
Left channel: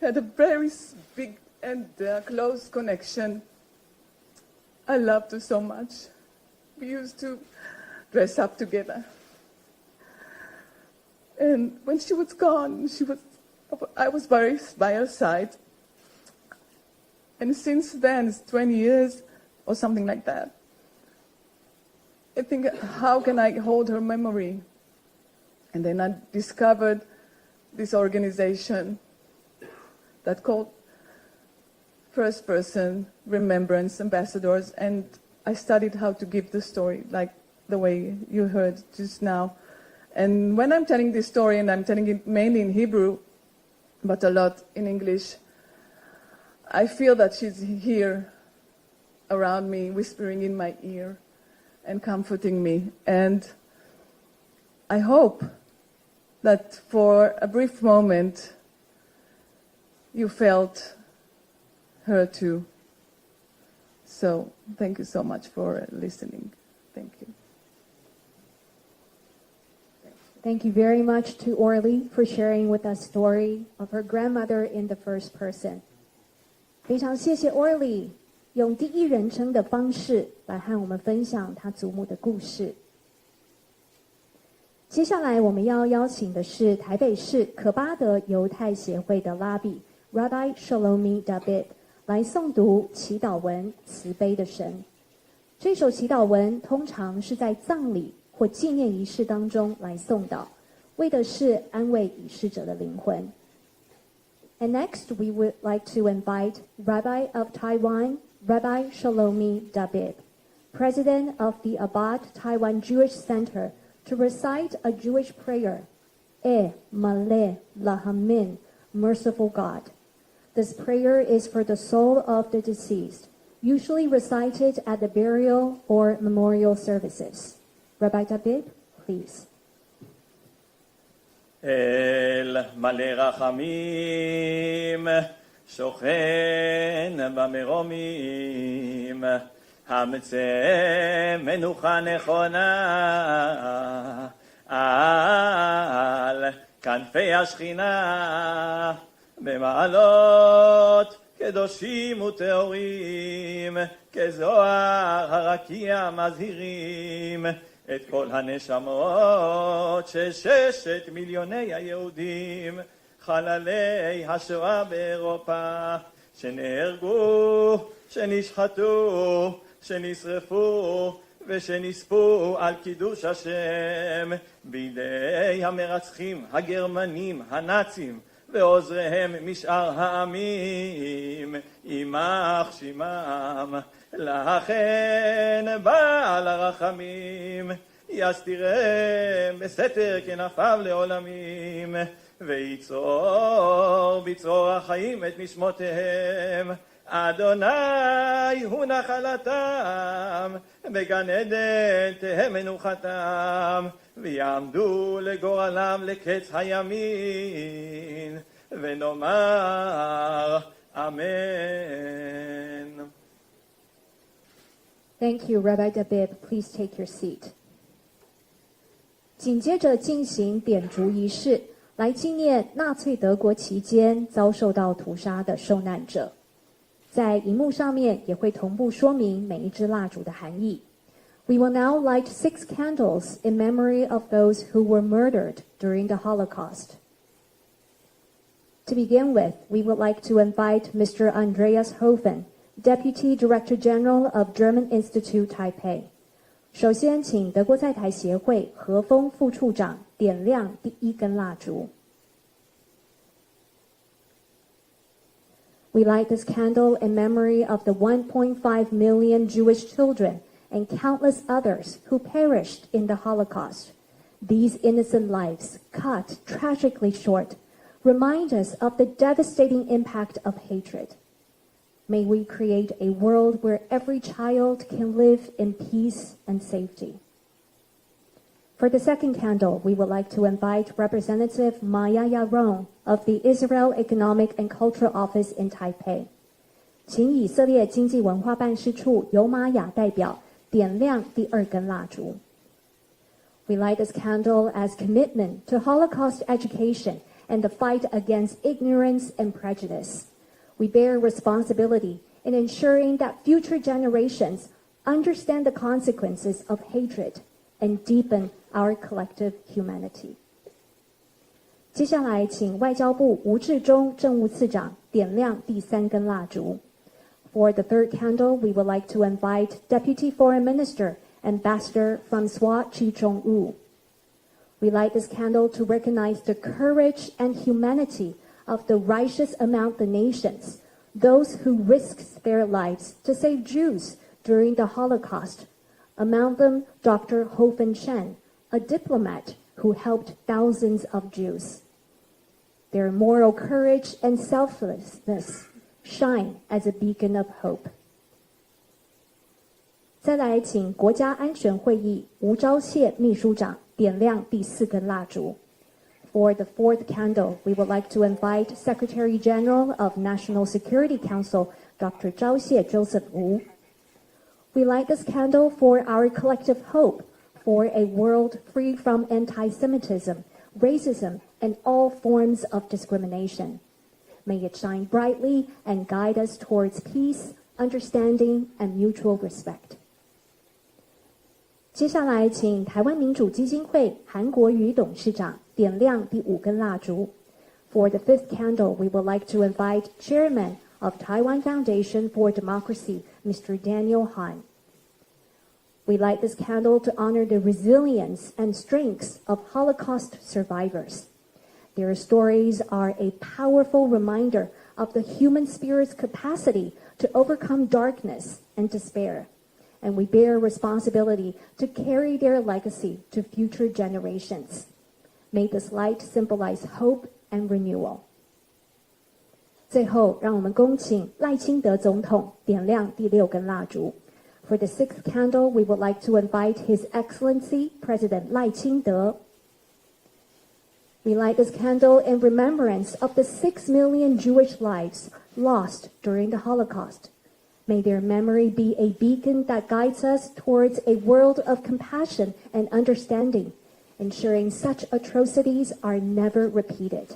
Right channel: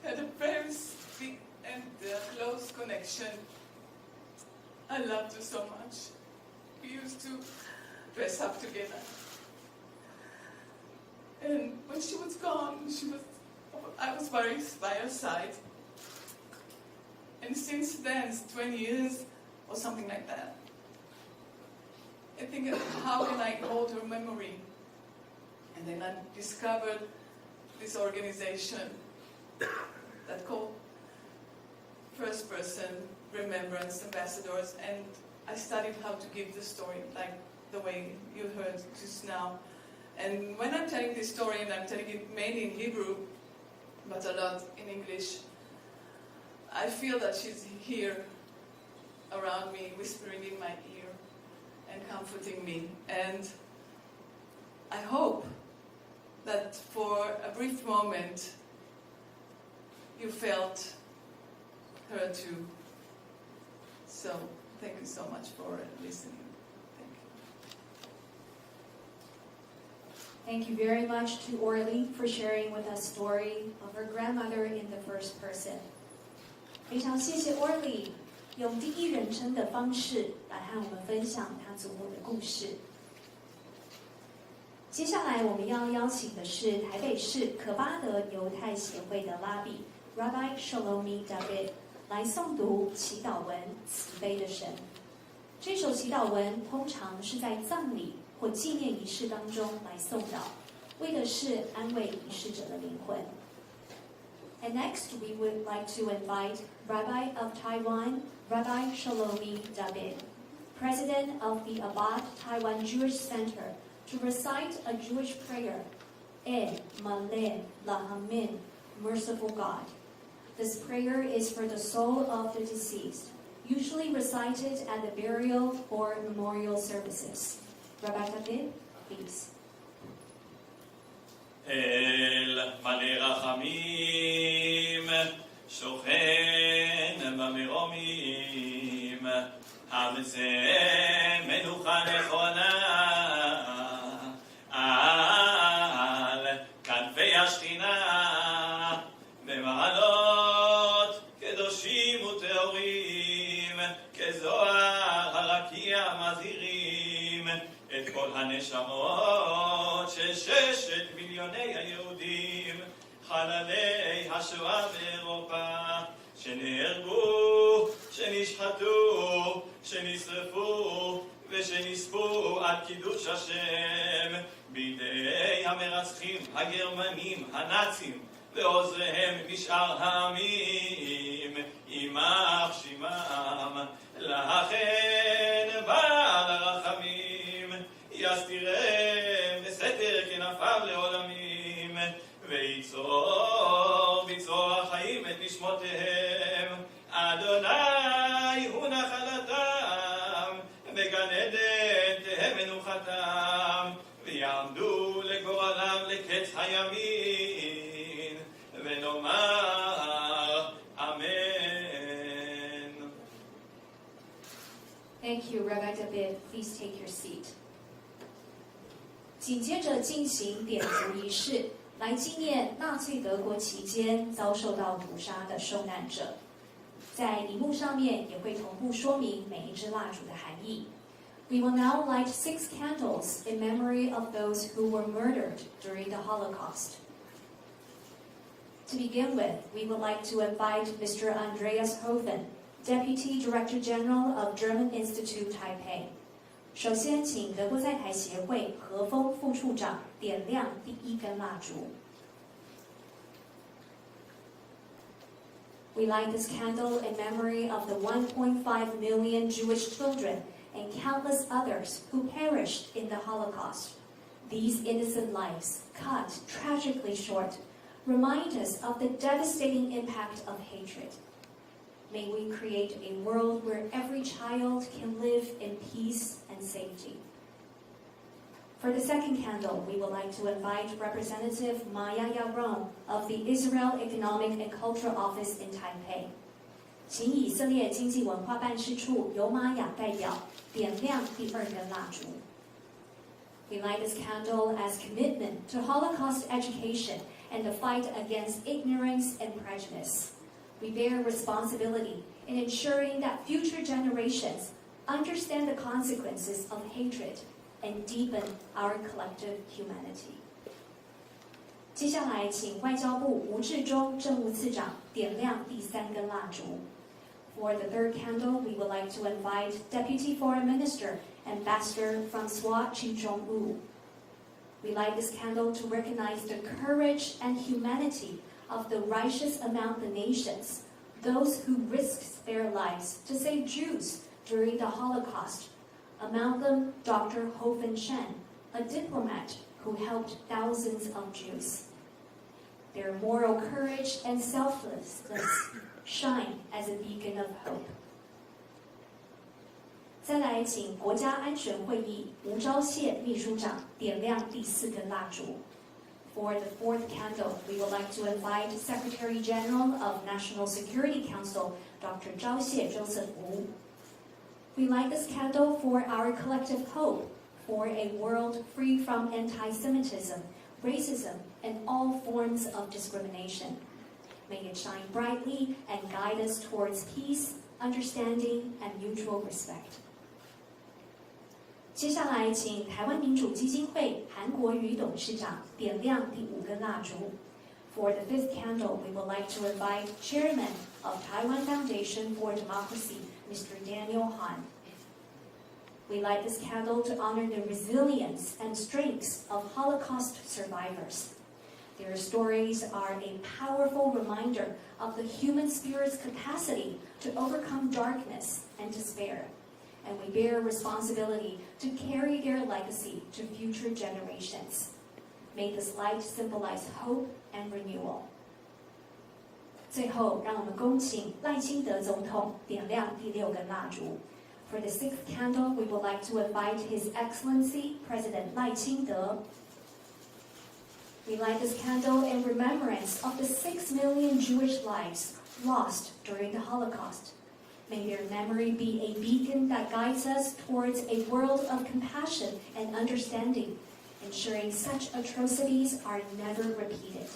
had a very big and close connection. I loved her so much. We used to dress up together. And when she was gone, I was by her side. And since then, it's 20 years or something like that. I think, how can I hold her memory? And then I discovered this organization that called First Person Remembrance Ambassadors, and I studied how to give the story, like the way you heard just now. And when I'm telling this story, and I'm telling it mainly in Hebrew, but a lot in English, I feel that she's here around me, whispering in my ear and comforting me. And I hope that for a brief moment you felt her too. So thank you so much for listening. Thank you. Thank you very much to Orly for sharing with us story of her grandmother in the first person. 非常谢谢 Orly 用第一人称的方式来和我们分享她祖母的故事。接下来我们要邀请的是台北市可巴德犹太协会的拉比 Rabbi Shlomi David 来诵读祈祷文慈悲的神。这首祈祷文通常是在葬礼或纪念仪式当中来诵祷，为的是安慰已逝者的灵魂。And next we would like to invite Rabbi of Taiwan, Rabbi Shlomi David, President of the Abad Taiwan Jewish Center, to recite a Jewish prayer, Maleh Lahamin, Merciful God. This prayer is for the soul of the deceased, usually recited at the burial or memorial services. Rabbi David, please. אל מלא רחמים, שוכן במרומים, המצא מנוחה נכונה על כנפי השכינה, במעלות קדושים וטהורים, כזוהר הרקיע מזהירים את כל הנשמות של 6 מיליוני היהודים, חללי השואה באירופה, שנהרגו, שנשחטו, שנשרפו ושנספו על קידוש השם בידי המרצחים הגרמנים הנאצים ועוזריהם משאר העמים, יימח שמם. לכן בעל הרחמים יסתירם בסתר כנפיו לעולמים, ויצור בצרור החיים את נשמותיהם. אדוני הוא נחלתם, בגן עדן תהא מנוחתם, ויעמדו לגורלם לקץ הימין, ונאמר אמן. Thank you, Rabbi David. Please take your seat. 紧接着进行点烛仪式，来纪念纳粹德国期间遭受到屠杀的受难者。在荧幕上面也会同步说明每一支蜡烛的含义。We will now light 6 candles in memory of those who were murdered during the Holocaust. To begin with, we would like to invite Mr. Andreas Hofen, Deputy Director General of German Institute Taipei. 首先，请德国在台协会何峰副处长点亮第一根蜡烛。We light this candle in memory of the 1.5 million Jewish children and countless others who perished in the Holocaust. These innocent lives, cut tragically short, remind us of the devastating impact of hatred. May we create a world where every child can live in peace and safety. For the second candle, we would like to invite Representative Maya Yaron of the Israel Economic and Cultural Office in Taipei. 请以色列经济文化办事处尤玛雅代表点亮第2根蜡烛。We light this candle as commitment to Holocaust education and the fight against ignorance and prejudice. We bear responsibility in ensuring that future generations understand the consequences of hatred and deepen our collective humanity. 接下来，请外交部吴志忠政务次长点亮第3根蜡烛。For the third candle, we would like to invite Deputy Foreign Minister, Ambassador Francois Chi-Chong-wu. We light this candle to recognize the courage and humanity of the righteous among the nations, those who risked their lives to save Jews during the Holocaust. Among them, Dr. Hofen Shen, a diplomat who helped thousands of Jews. Their moral courage and selflessness shine as a beacon of hope. 再来，请国家安全会议吴钊燮秘书长点亮第4根蜡烛。For the fourth candle, we would like to invite Secretary General of National Security Council, Dr. 钊燮 Joseph Wu. We light this candle for our collective hope for a world free from anti-Semitism, racism, and all forms of discrimination. May it shine brightly and guide us towards peace, understanding, and mutual respect. 接下来，请台湾民主基金会韩国瑜董事长点亮第5根蜡烛。For the fifth candle, we would like to invite Chairman of Taiwan Foundation for Democracy, Mr. Daniel Han. We light this candle to honor the resilience and strengths of Holocaust survivors. Their stories are a powerful reminder of the human spirit's capacity to overcome darkness and despair, and we bear responsibility to carry their legacy to future generations. May this light symbolize hope and renewal. 最后，让我们恭请赖清德总统点亮第6根蜡烛。For the sixth candle, we would like to invite His Excellency President Lai Ching-te. We light this candle in remembrance of the 6 million Jewish lives lost during the Holocaust. May their memory be a beacon that guides us towards a world of compassion and understanding, ensuring such atrocities are never repeated.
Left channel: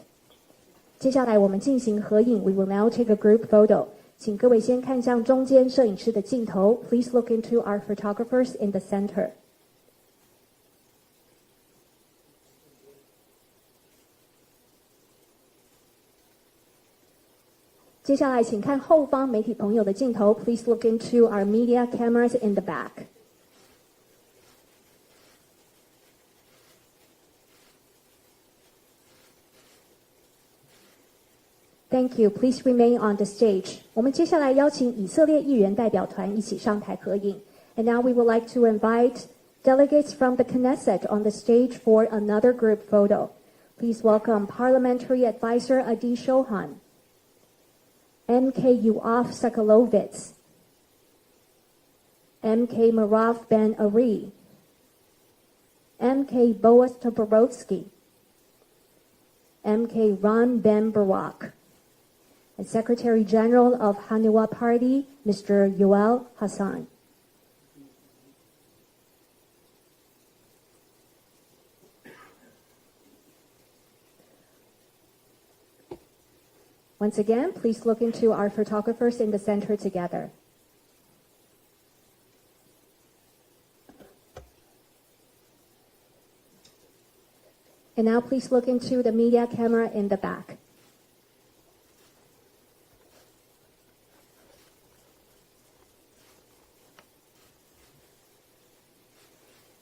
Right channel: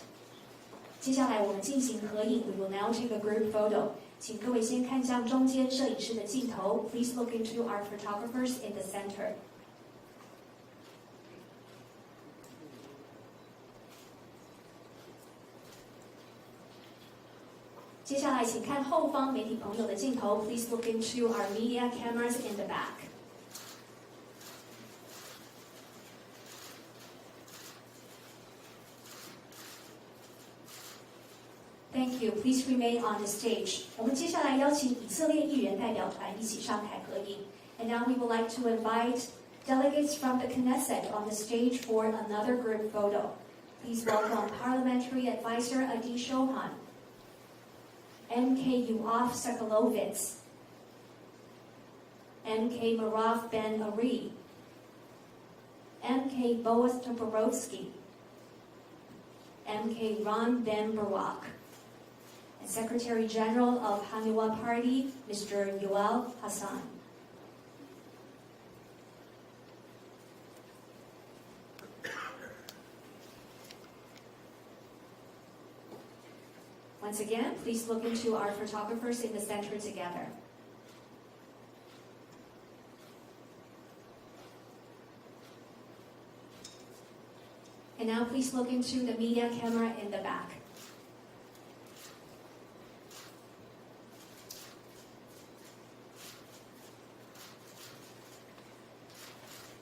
接下来我们进行合影 We will now take a group photo. 请各位先看向中间摄影师的镜头 Please look into our photographers in the center. 接下来请看后方媒体朋友的镜头 Please look into our media cameras in the back. Thank you. Please remain on the stage. 我们接下来邀请以色列议员代表团一起上台合影。And now we would like to invite delegates from the Knesset on the stage for another group photo. Please welcome Parliamentary Advisor Adi Shohan, MK Yoav Sakalovitz, MK Marav Ben Ari, MK Boaz Toporowski, MK Ron Ben Barak, and Secretary General of Hanua Party, Mr. Yoel Hassan. Once again, please look into our photographers in the center together. And now please look into the media camera in the back.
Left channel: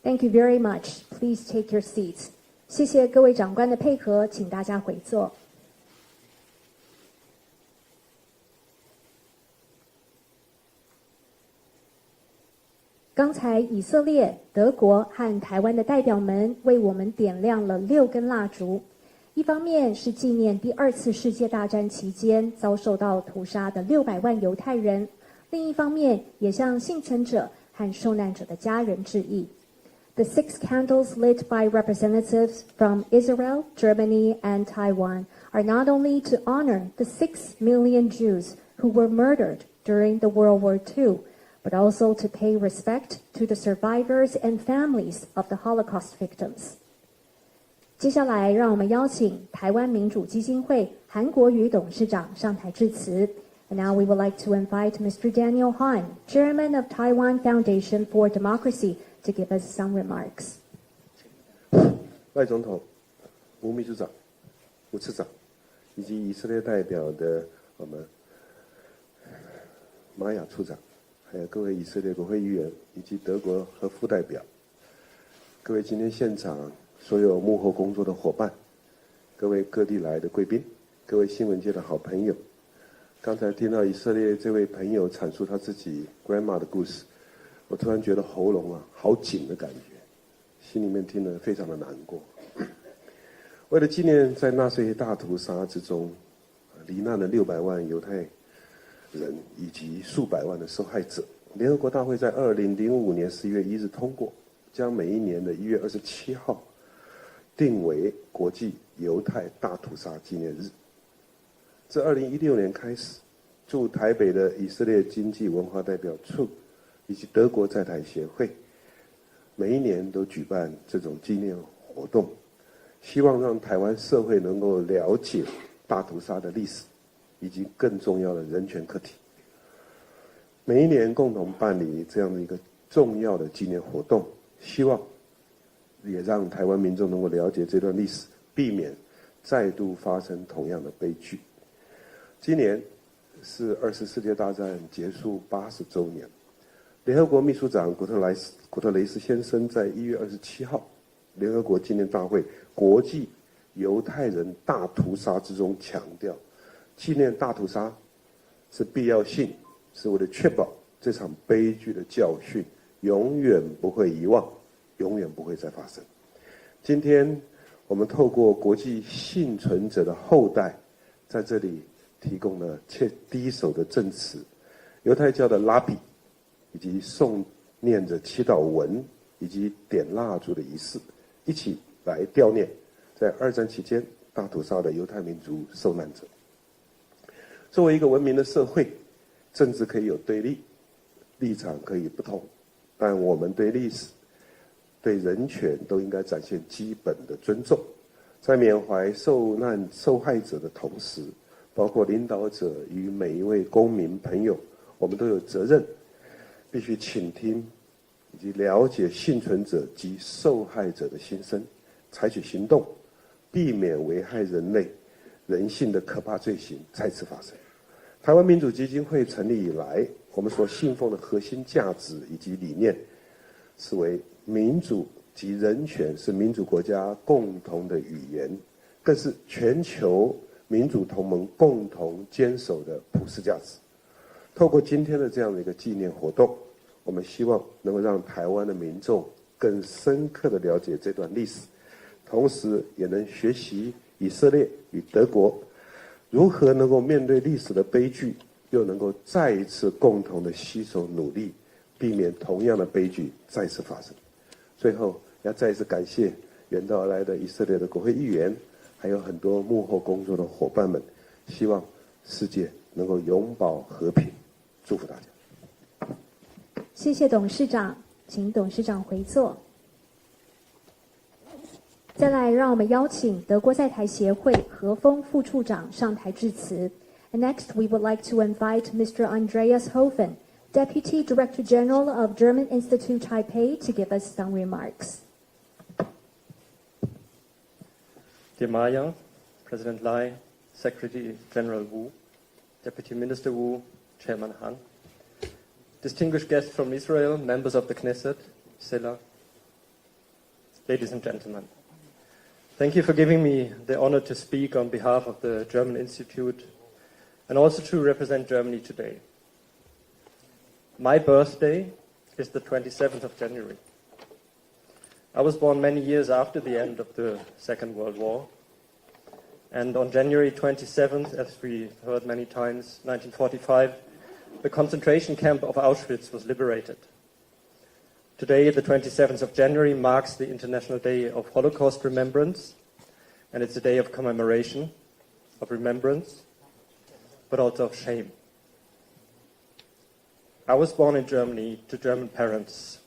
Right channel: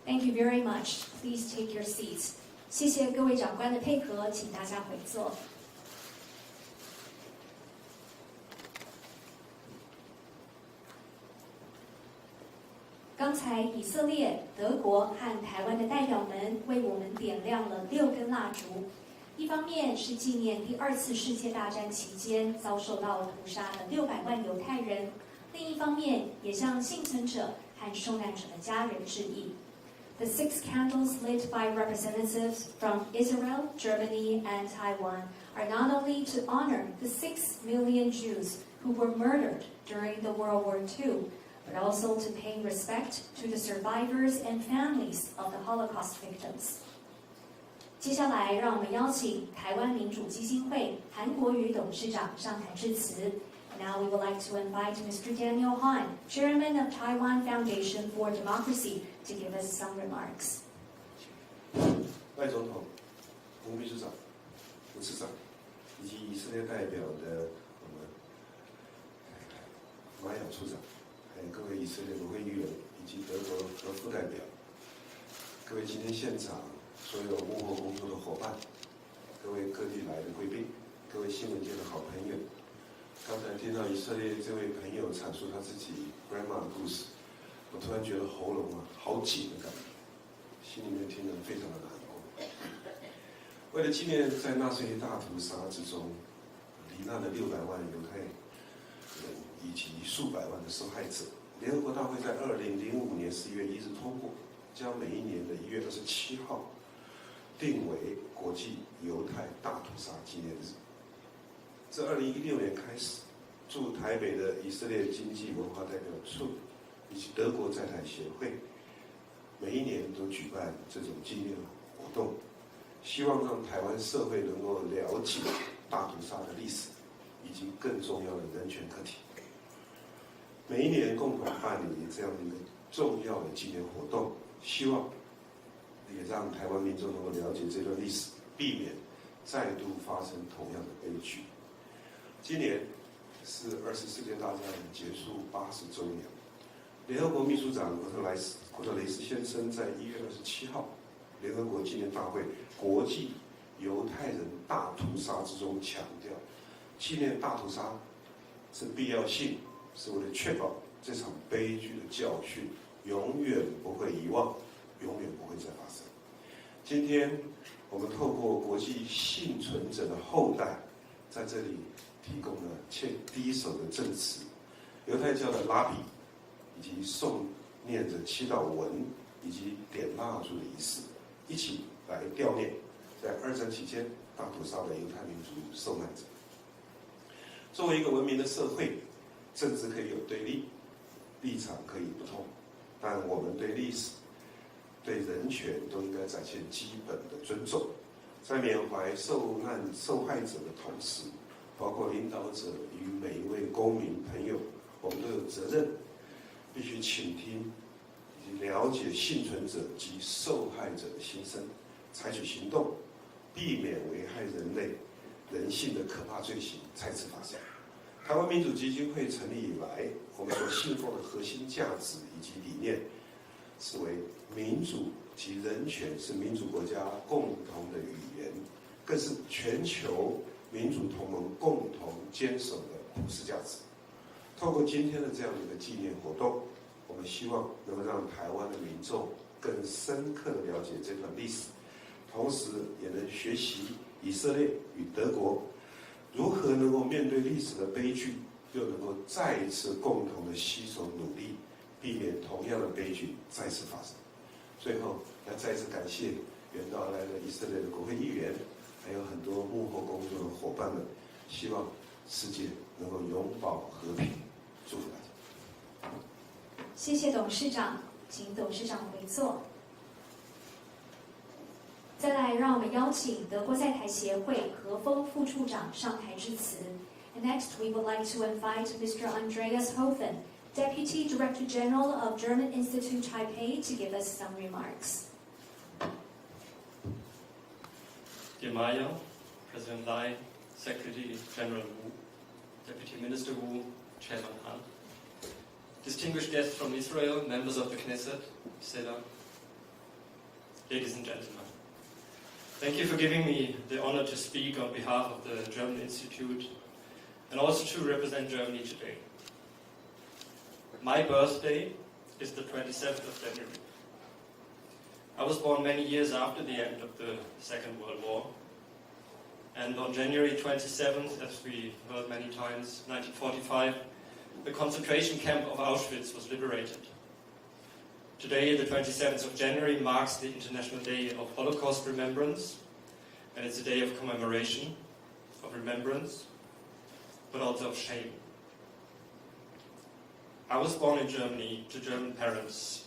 Thank you very much. Please take your seats. 谢谢各位长官的配合，请大家回座。刚才以色列、德国和台湾的代表们为我们点亮了6根蜡烛，一方面是纪念第2次世界大战期间遭受到屠杀的600万犹太人，另一方面也向幸存者和受难者的家人致意。The 6 candles lit by representatives from Israel, Germany, and Taiwan are not only to honor the 6 million Jews who were murdered during the World War II, but also to pay respect to the survivors and families of the Holocaust victims. 接下来，让我们邀请台湾民主基金会韩国瑜董事长上台致辞。And now we would like to invite Mr. Daniel Han, Chairman of Taiwan Foundation for Democracy, to give us some remarks. 赖总统、吴秘书长、吴次长，以及以色列代表的我们玛雅处长，还有各位以色列国会议员以及德国和副代表，各位今天现场所有幕后工作的伙伴，各位各地来的贵宾，各位新闻界的好朋友，刚才听到以色列这位朋友阐述他自己 grandma 的故事，我突然觉得喉咙好紧的感觉，心里面听得非常的难过。为了纪念在纳粹大屠杀之中罹难的600万犹太人以及数百万的受害者，联合国大会在2005年11月1日通过，将每一年的1月27号定为国际犹太大屠杀纪念日。自2016年开始，驻台北的以色列经济文化代表处以及德国在台协会，每一年都举办这种纪念活动，希望让台湾社会能够了解大屠杀的历史，以及更重要的人权课题。每一年共同办理这样的一个重要的纪念活动，希望也让台湾民众能够了解这段历史，避免再度发生同样的悲剧。今年是2次世界大战结束80周年，联合国秘书长古特雷斯先生在1月27号联合国纪念大会国际犹太人大屠杀之中强调，纪念大屠杀是必要性，是为了确保这场悲剧的教训永远不会遗忘，永远不会再发生。今天我们透过国际幸存者的后代在这里提供了第一手的证词，犹太教的拉比，以及诵念着祈祷文以及点蜡烛的仪式，一起来悼念在2战期间大屠杀的犹太民族受难者。作为一个文明的社会，政治可以有对立，立场可以不同，但我们对历史、对人权都应该展现基本的尊重。在缅怀受难受害者的同时，包括领导者与每一位公民朋友，我们都有责任，必须倾听以及了解幸存者及受害者的心声，采取行动，避免危害人类人性的可怕罪行再次发生。台湾民主基金会成立以来，我们所信奉的核心价值以及理念，是为民主及人权是民主国家共同的语言，更是全球民主同盟共同坚守的普世价值。透过今天的这样的一个纪念活动，我们希望能够让台湾的民众更深刻地了解这段历史，同时也能学习以色列与德国如何能够面对历史的悲剧，又能够再一次共同的携手努力，避免同样的悲剧再次发生。最后，要再一次感谢远道而来的以色列的国会议员，还有很多幕后工作的伙伴们，希望世界能够永保和平，祝福大家。谢谢董事长，请董事长回座。再来，让我们邀请德国在台协会何峰副处长上台致辞。And next, we would like to invite Mr. Andreas Hofen, Deputy Director General of German Institute Taipei, to give us some remarks. Dear Maya, President Lai, Secretary General Wu, Deputy Minister Wu, Chairman Han, distinguished guests from Israel, members of the Knesset, Sela, ladies and gentlemen. Thank you for giving me the honor to speak on behalf of the German Institute and also to represent Germany today. My birthday is the 27th of January. I was born many years after the end of the Second World War, and on January 27th, as we heard many times, 1945, the concentration camp of Auschwitz was liberated. Today, the 27th of January, marks the International Day of Holocaust Remembrance, and it's a day of commemoration, of remembrance, but also of shame. I was born in Germany to German parents,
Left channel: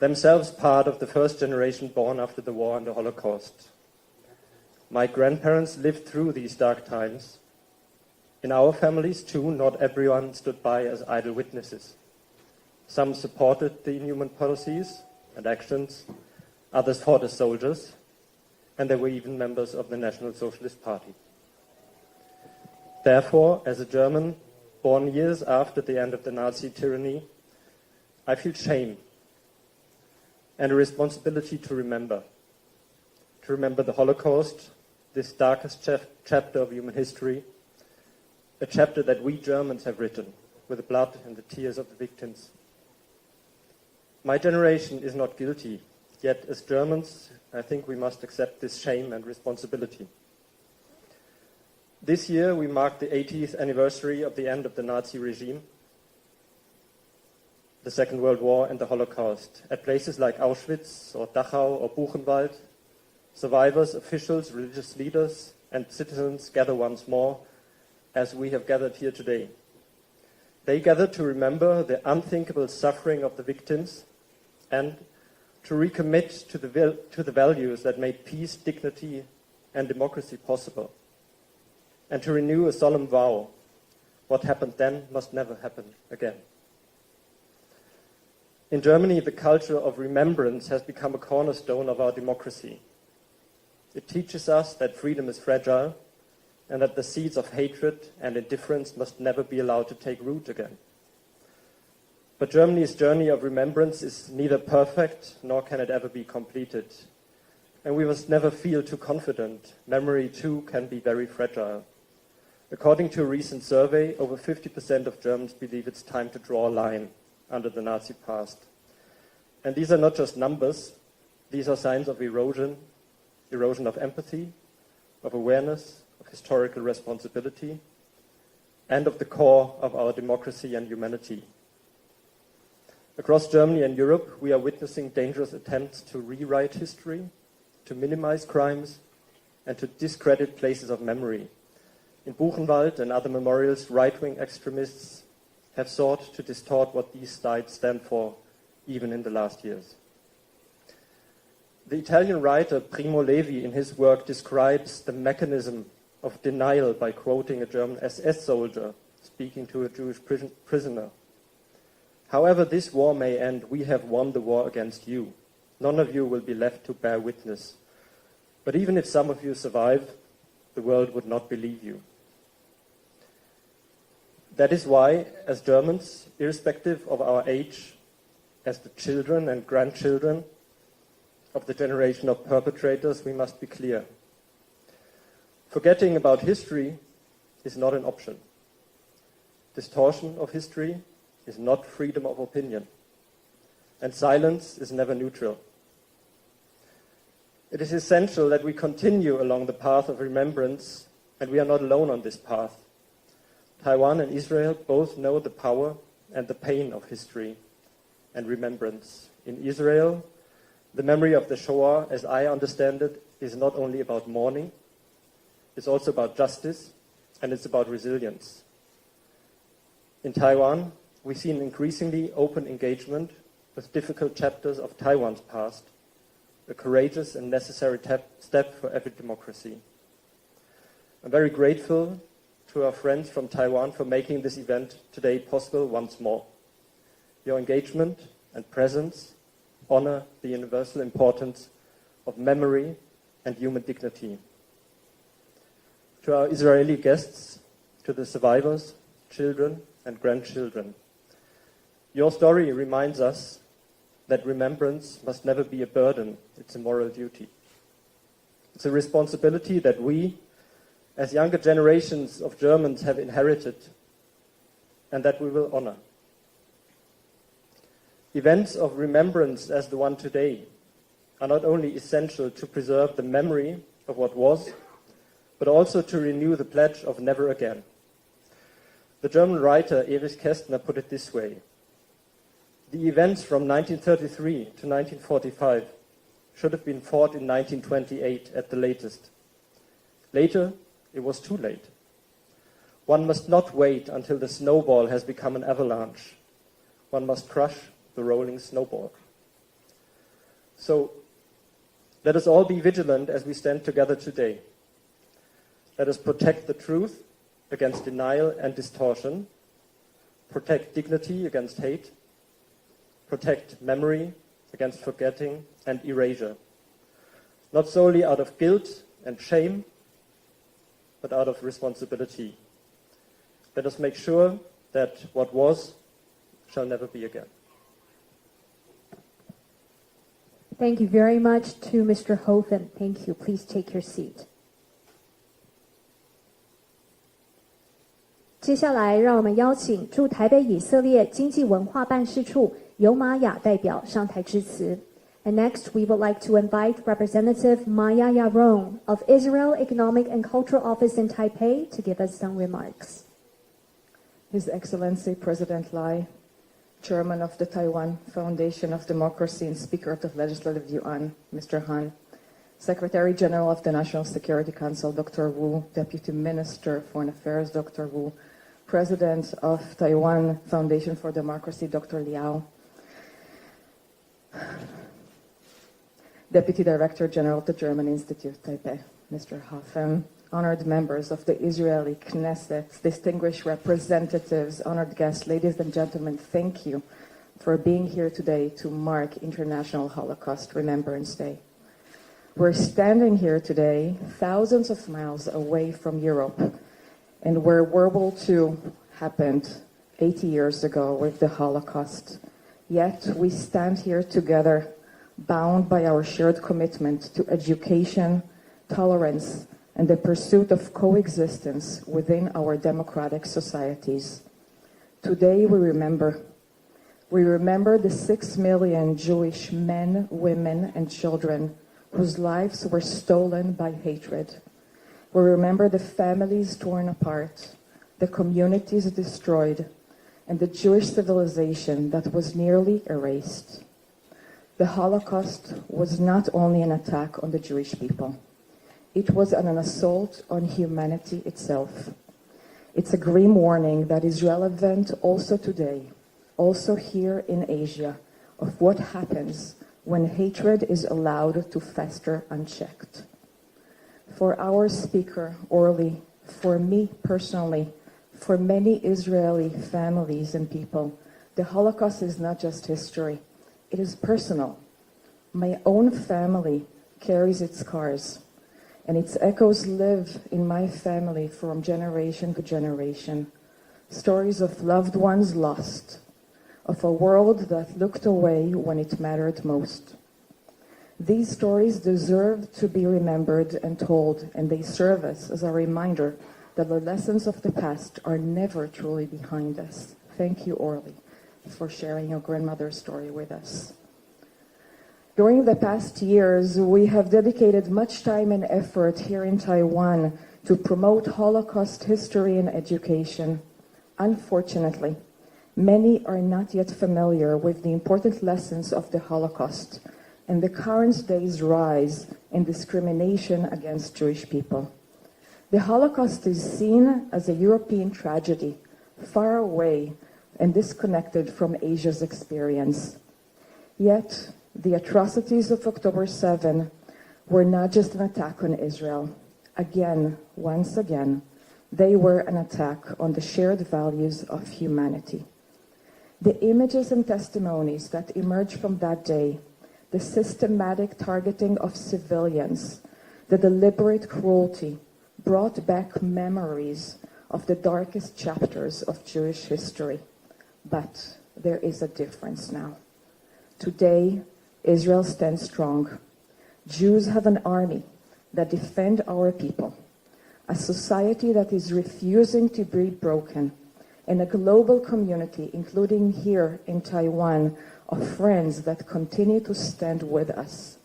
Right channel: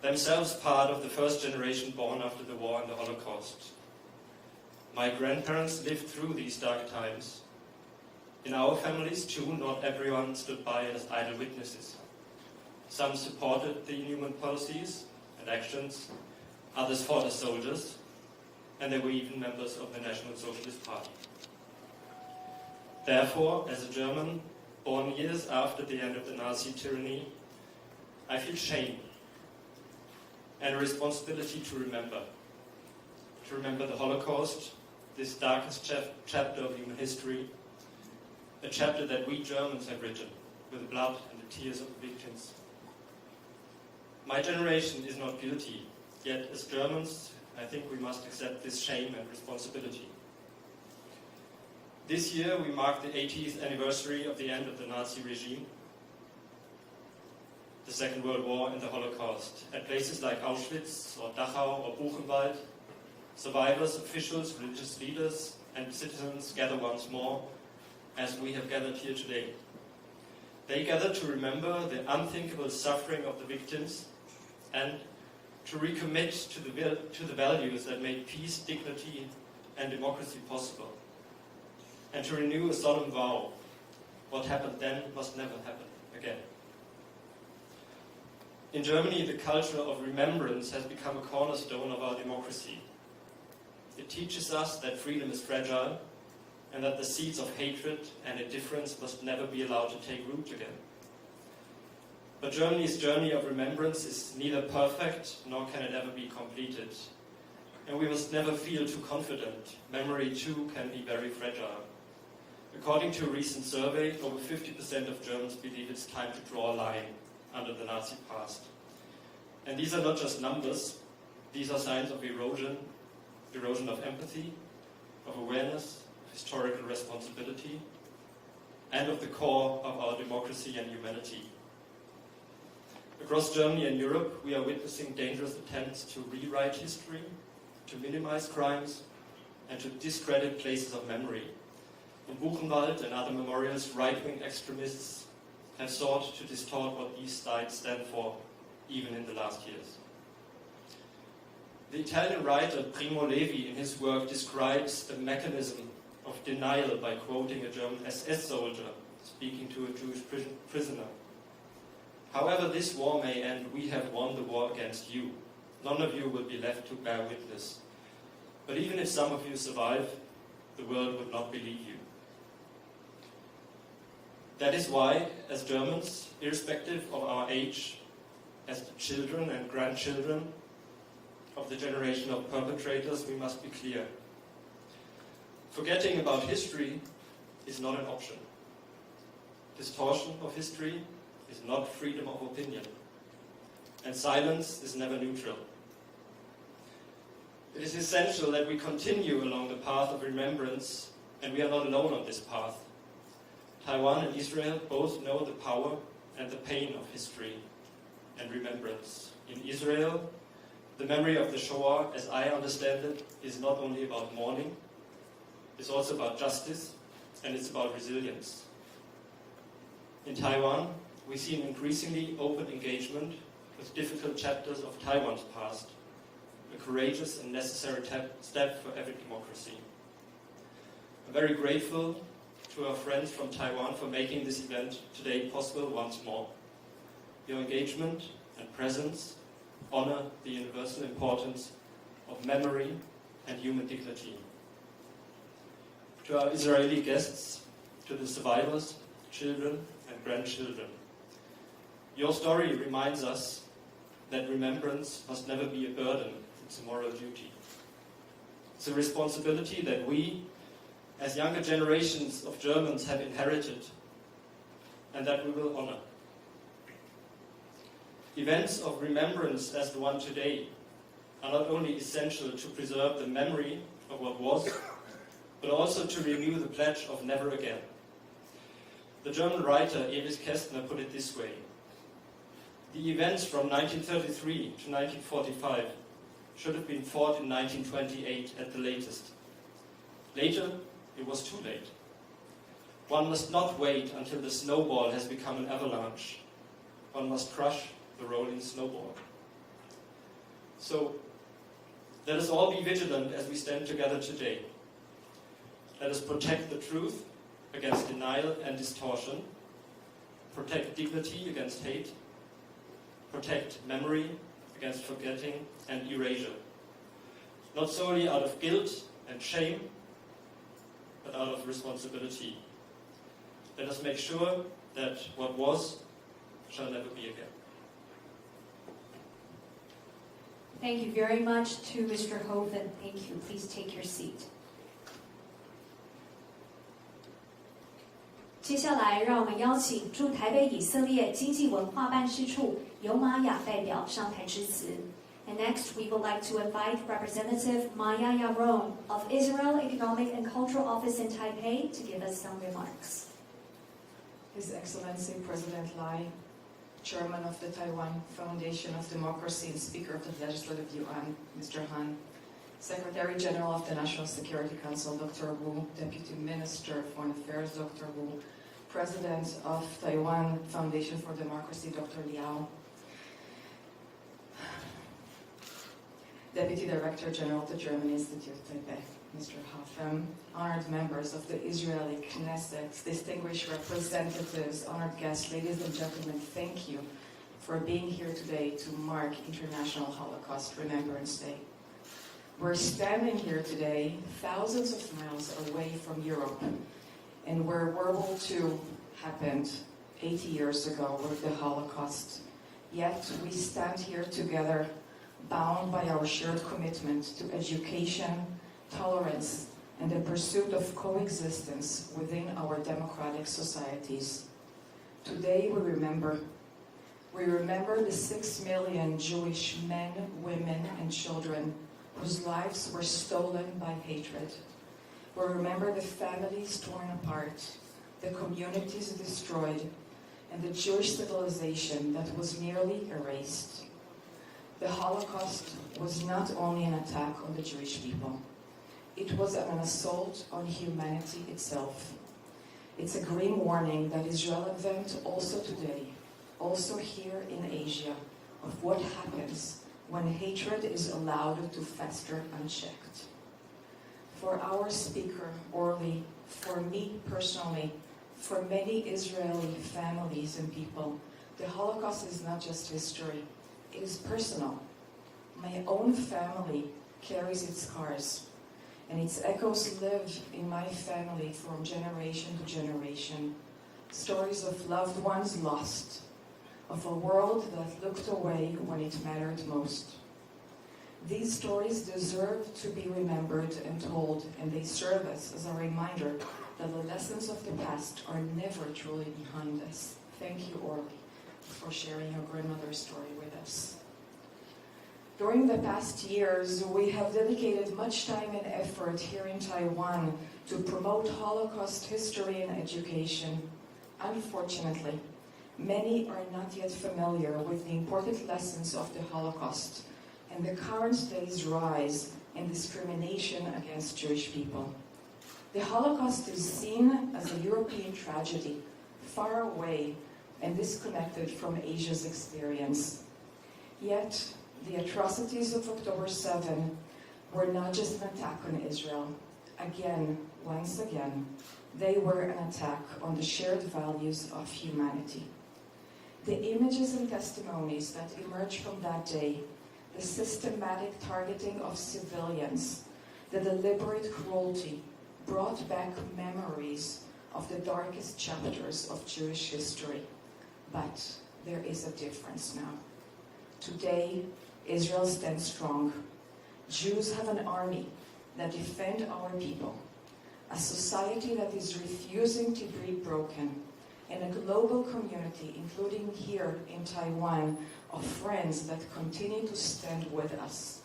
themselves part of the first generation born after the war and the Holocaust. My grandparents lived through these dark times. In our families, too, not everyone stood by as idle witnesses. Some supported the inhuman policies and actions, others fought as soldiers, and they were even members of the National Socialist Party. Therefore, as a German, born years after the end of the Nazi tyranny, I feel shame and a responsibility to remember the Holocaust, this darkest chapter of human history, a chapter that we Germans have written with the blood and the tears of the victims. My generation is not guilty, yet as Germans, I think we must accept this shame and responsibility. This year we mark the 80th anniversary of the end of the Nazi regime, the Second World War and the Holocaust. At places like Auschwitz or Dachau or Buchenwald, survivors, officials, religious leaders and citizens gather once more as we have gathered here today. They gather to remember the unthinkable suffering of the victims and to recommit to the values that made peace, dignity, and democracy possible, and to renew a solemn vow: what happened then must never happen again. In Germany, the culture of remembrance has become a cornerstone of our democracy. It teaches us that freedom is fragile and that the seeds of hatred and indifference must never be allowed to take root again. But Germany's journey of remembrance is neither perfect nor can it ever be completed. And we must never feel too confident. Memory, too, can be very fragile. According to a recent survey, over 50% of Germans believe it's time to draw a line under the Nazi past. And these are not just numbers. These are signs of erosion of empathy, of awareness, of historical responsibility, and of the core of our democracy and humanity. Across Germany and Europe, we are witnessing dangerous attempts to rewrite history, to minimize crimes, and to discredit places of memory. In Buchenwald and other memorials, right-wing extremists have sought to distort what these sites stand for, even in the last years. The Italian writer Primo Levi, in his work, describes the mechanism of denial by quoting a German SS soldier speaking to a Jewish prisoner. However this war may end, we have won the war against you. None of you will be left to bear witness. But even if some of you survive, the world would not believe you. That is why, as Germans, irrespective of our age, as the children and grandchildren of the generation of perpetrators, we must be clear. Forgetting about history is not an option. Distortion of history is not freedom of opinion. And silence is never neutral. It is essential that we continue along the path of remembrance, and we are not alone on this path. Taiwan and Israel both know the power and the pain of history and remembrance. In Israel, the memory of the Shoah, as I understand it, is not only about mourning, it's also about justice, and it's about resilience. In Taiwan, we see an increasingly open engagement with difficult chapters of Taiwan's past, a courageous and necessary step for every democracy. I'm very grateful to our friends from Taiwan for making this event today possible once more. Your engagement and presence honor the universal importance of memory and human dignity. To our Israeli guests, to the survivors, children and grandchildren, your story reminds us that remembrance must never be a burden, it's a moral duty. It's a responsibility that we, as younger generations of Germans, have inherited and that we will honor. Events of remembrance as the one today are not only essential to preserve the memory of what was, but also to renew the pledge of never again. The German writer Erich Kästner put it this way: The events from 1933 to 1945 should have been fought in 1928 at the latest. Later, it was too late. One must not wait until the snowball has become an avalanche. One must crush the rolling snowball. So, let us all be vigilant as we stand together today. Let us protect the truth against denial and distortion, protect dignity against hate, protect memory against forgetting and erasure, not solely out of guilt and shame, but out of responsibility. Let us make sure that what was shall never be again. Thank you very much to Mr. Hofen. Thank you. Please take your seat. 接下来，让我们邀请驻台北以色列经济文化办事处尤玛雅代表上台致辞。And next, we would like to invite Representative Maya Yaron of Israel Economic and Cultural Office in Taipei to give us some remarks. His Excellency President Lai, Chairman of the Taiwan Foundation of Democracy and Speaker of the Legislative Yuan, Mr. Han, Secretary General of the National Security Council, Dr. Wu, Deputy Minister of Foreign Affairs, Dr. Wu, President of Taiwan Foundation for Democracy, Dr. Liao, Deputy Director General of the German Institute, Taipei, Mr. Hofen, honored members of the Israeli Knesset, distinguished representatives, honored guests, ladies and gentlemen, thank you for being here today to mark International Holocaust Remembrance Day. We're standing here today thousands of miles away from Europe, and where World War II happened 80 years ago with the Holocaust. Yet we stand here together, bound by our shared commitment to education, tolerance, and the pursuit of coexistence within our democratic societies. Today we remember the 6 million Jewish men, women, and children whose lives were stolen by hatred. We remember the families torn apart, the communities destroyed, and the Jewish civilization that was nearly erased. The Holocaust was not only an attack on the Jewish people. It was an assault on humanity itself. It's a grim warning that is relevant also today, also here in Asia, of what happens when hatred is allowed to fester unchecked. For our speaker, Orly, for me personally, for many Israeli families and people, the Holocaust is not just history, it is personal. My own family carries its scars, and its echoes live in my family from generation to generation. Stories of loved ones lost, of a world that looked away when it mattered most. These stories deserve to be remembered and told, and they serve us as a reminder that the lessons of the past are never truly behind us. Thank you, Orly, for sharing your grandmother's story with us. During the past years, we have dedicated much time and effort here in Taiwan to promote Holocaust history and education. Unfortunately, many are not yet familiar with the important lessons of the Holocaust and the current day's rise in discrimination against Jewish people. The Holocaust is seen as a European tragedy, far away and disconnected from Asia's experience. Yet, the atrocities of October 7 were not just an attack on Israel. Again, once again, they were an attack on the shared values of humanity. The images and testimonies that emerged from that day, the systematic targeting of civilians, the deliberate cruelty, brought back memories of the darkest chapters of Jewish history. But there is a difference now. Today, Israel stands strong. Jews have an army that defend our people, a society that is refusing to be broken, and a global community, including here in Taiwan, of friends that continue to stand with us.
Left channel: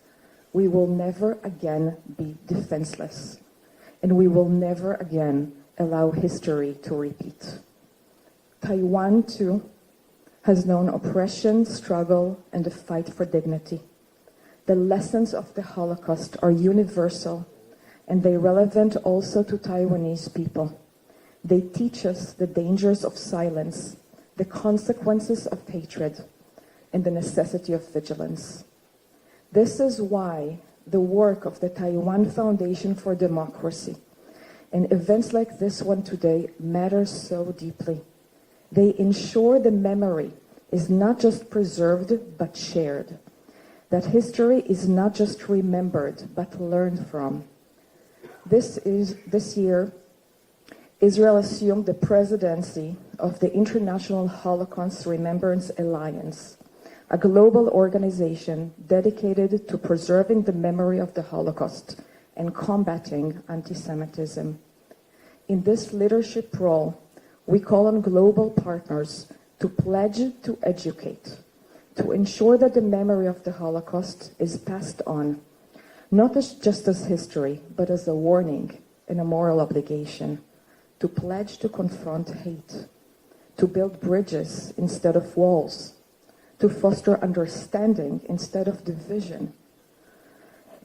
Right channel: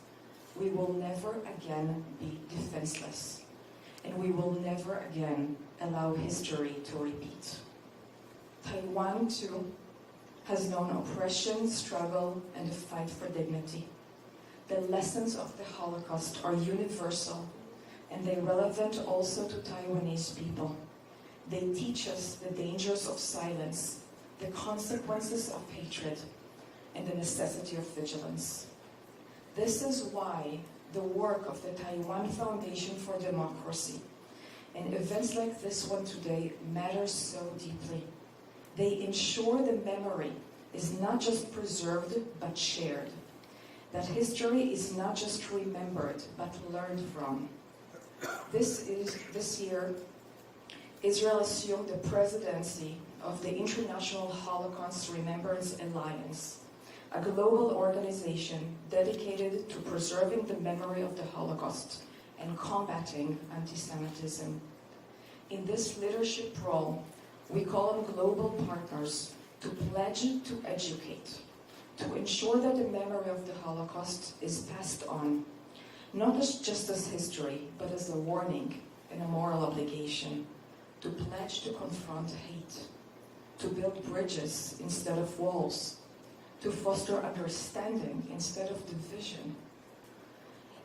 We will never again be defenseless, and we will never again allow history to repeat. Taiwan, too, has known oppression, struggle, and the fight for dignity. The lessons of the Holocaust are universal, and they're relevant also to Taiwanese people. They teach us the dangers of silence, the consequences of hatred, and the necessity of vigilance. This is why the work of the Taiwan Foundation for Democracy and events like this one today matter so deeply. They ensure the memory is not just preserved but shared, that history is not just remembered but learned from. This year, Israel assumed the presidency of the International Holocaust Remembrance Alliance, a global organization dedicated to preserving the memory of the Holocaust and combating anti-Semitism. In this leadership role, we call on global partners to pledge to educate, to ensure that the memory of the Holocaust is passed on, not just as history, but as a warning and a moral obligation, to pledge to confront hate, to build bridges instead of walls, to foster understanding instead of division,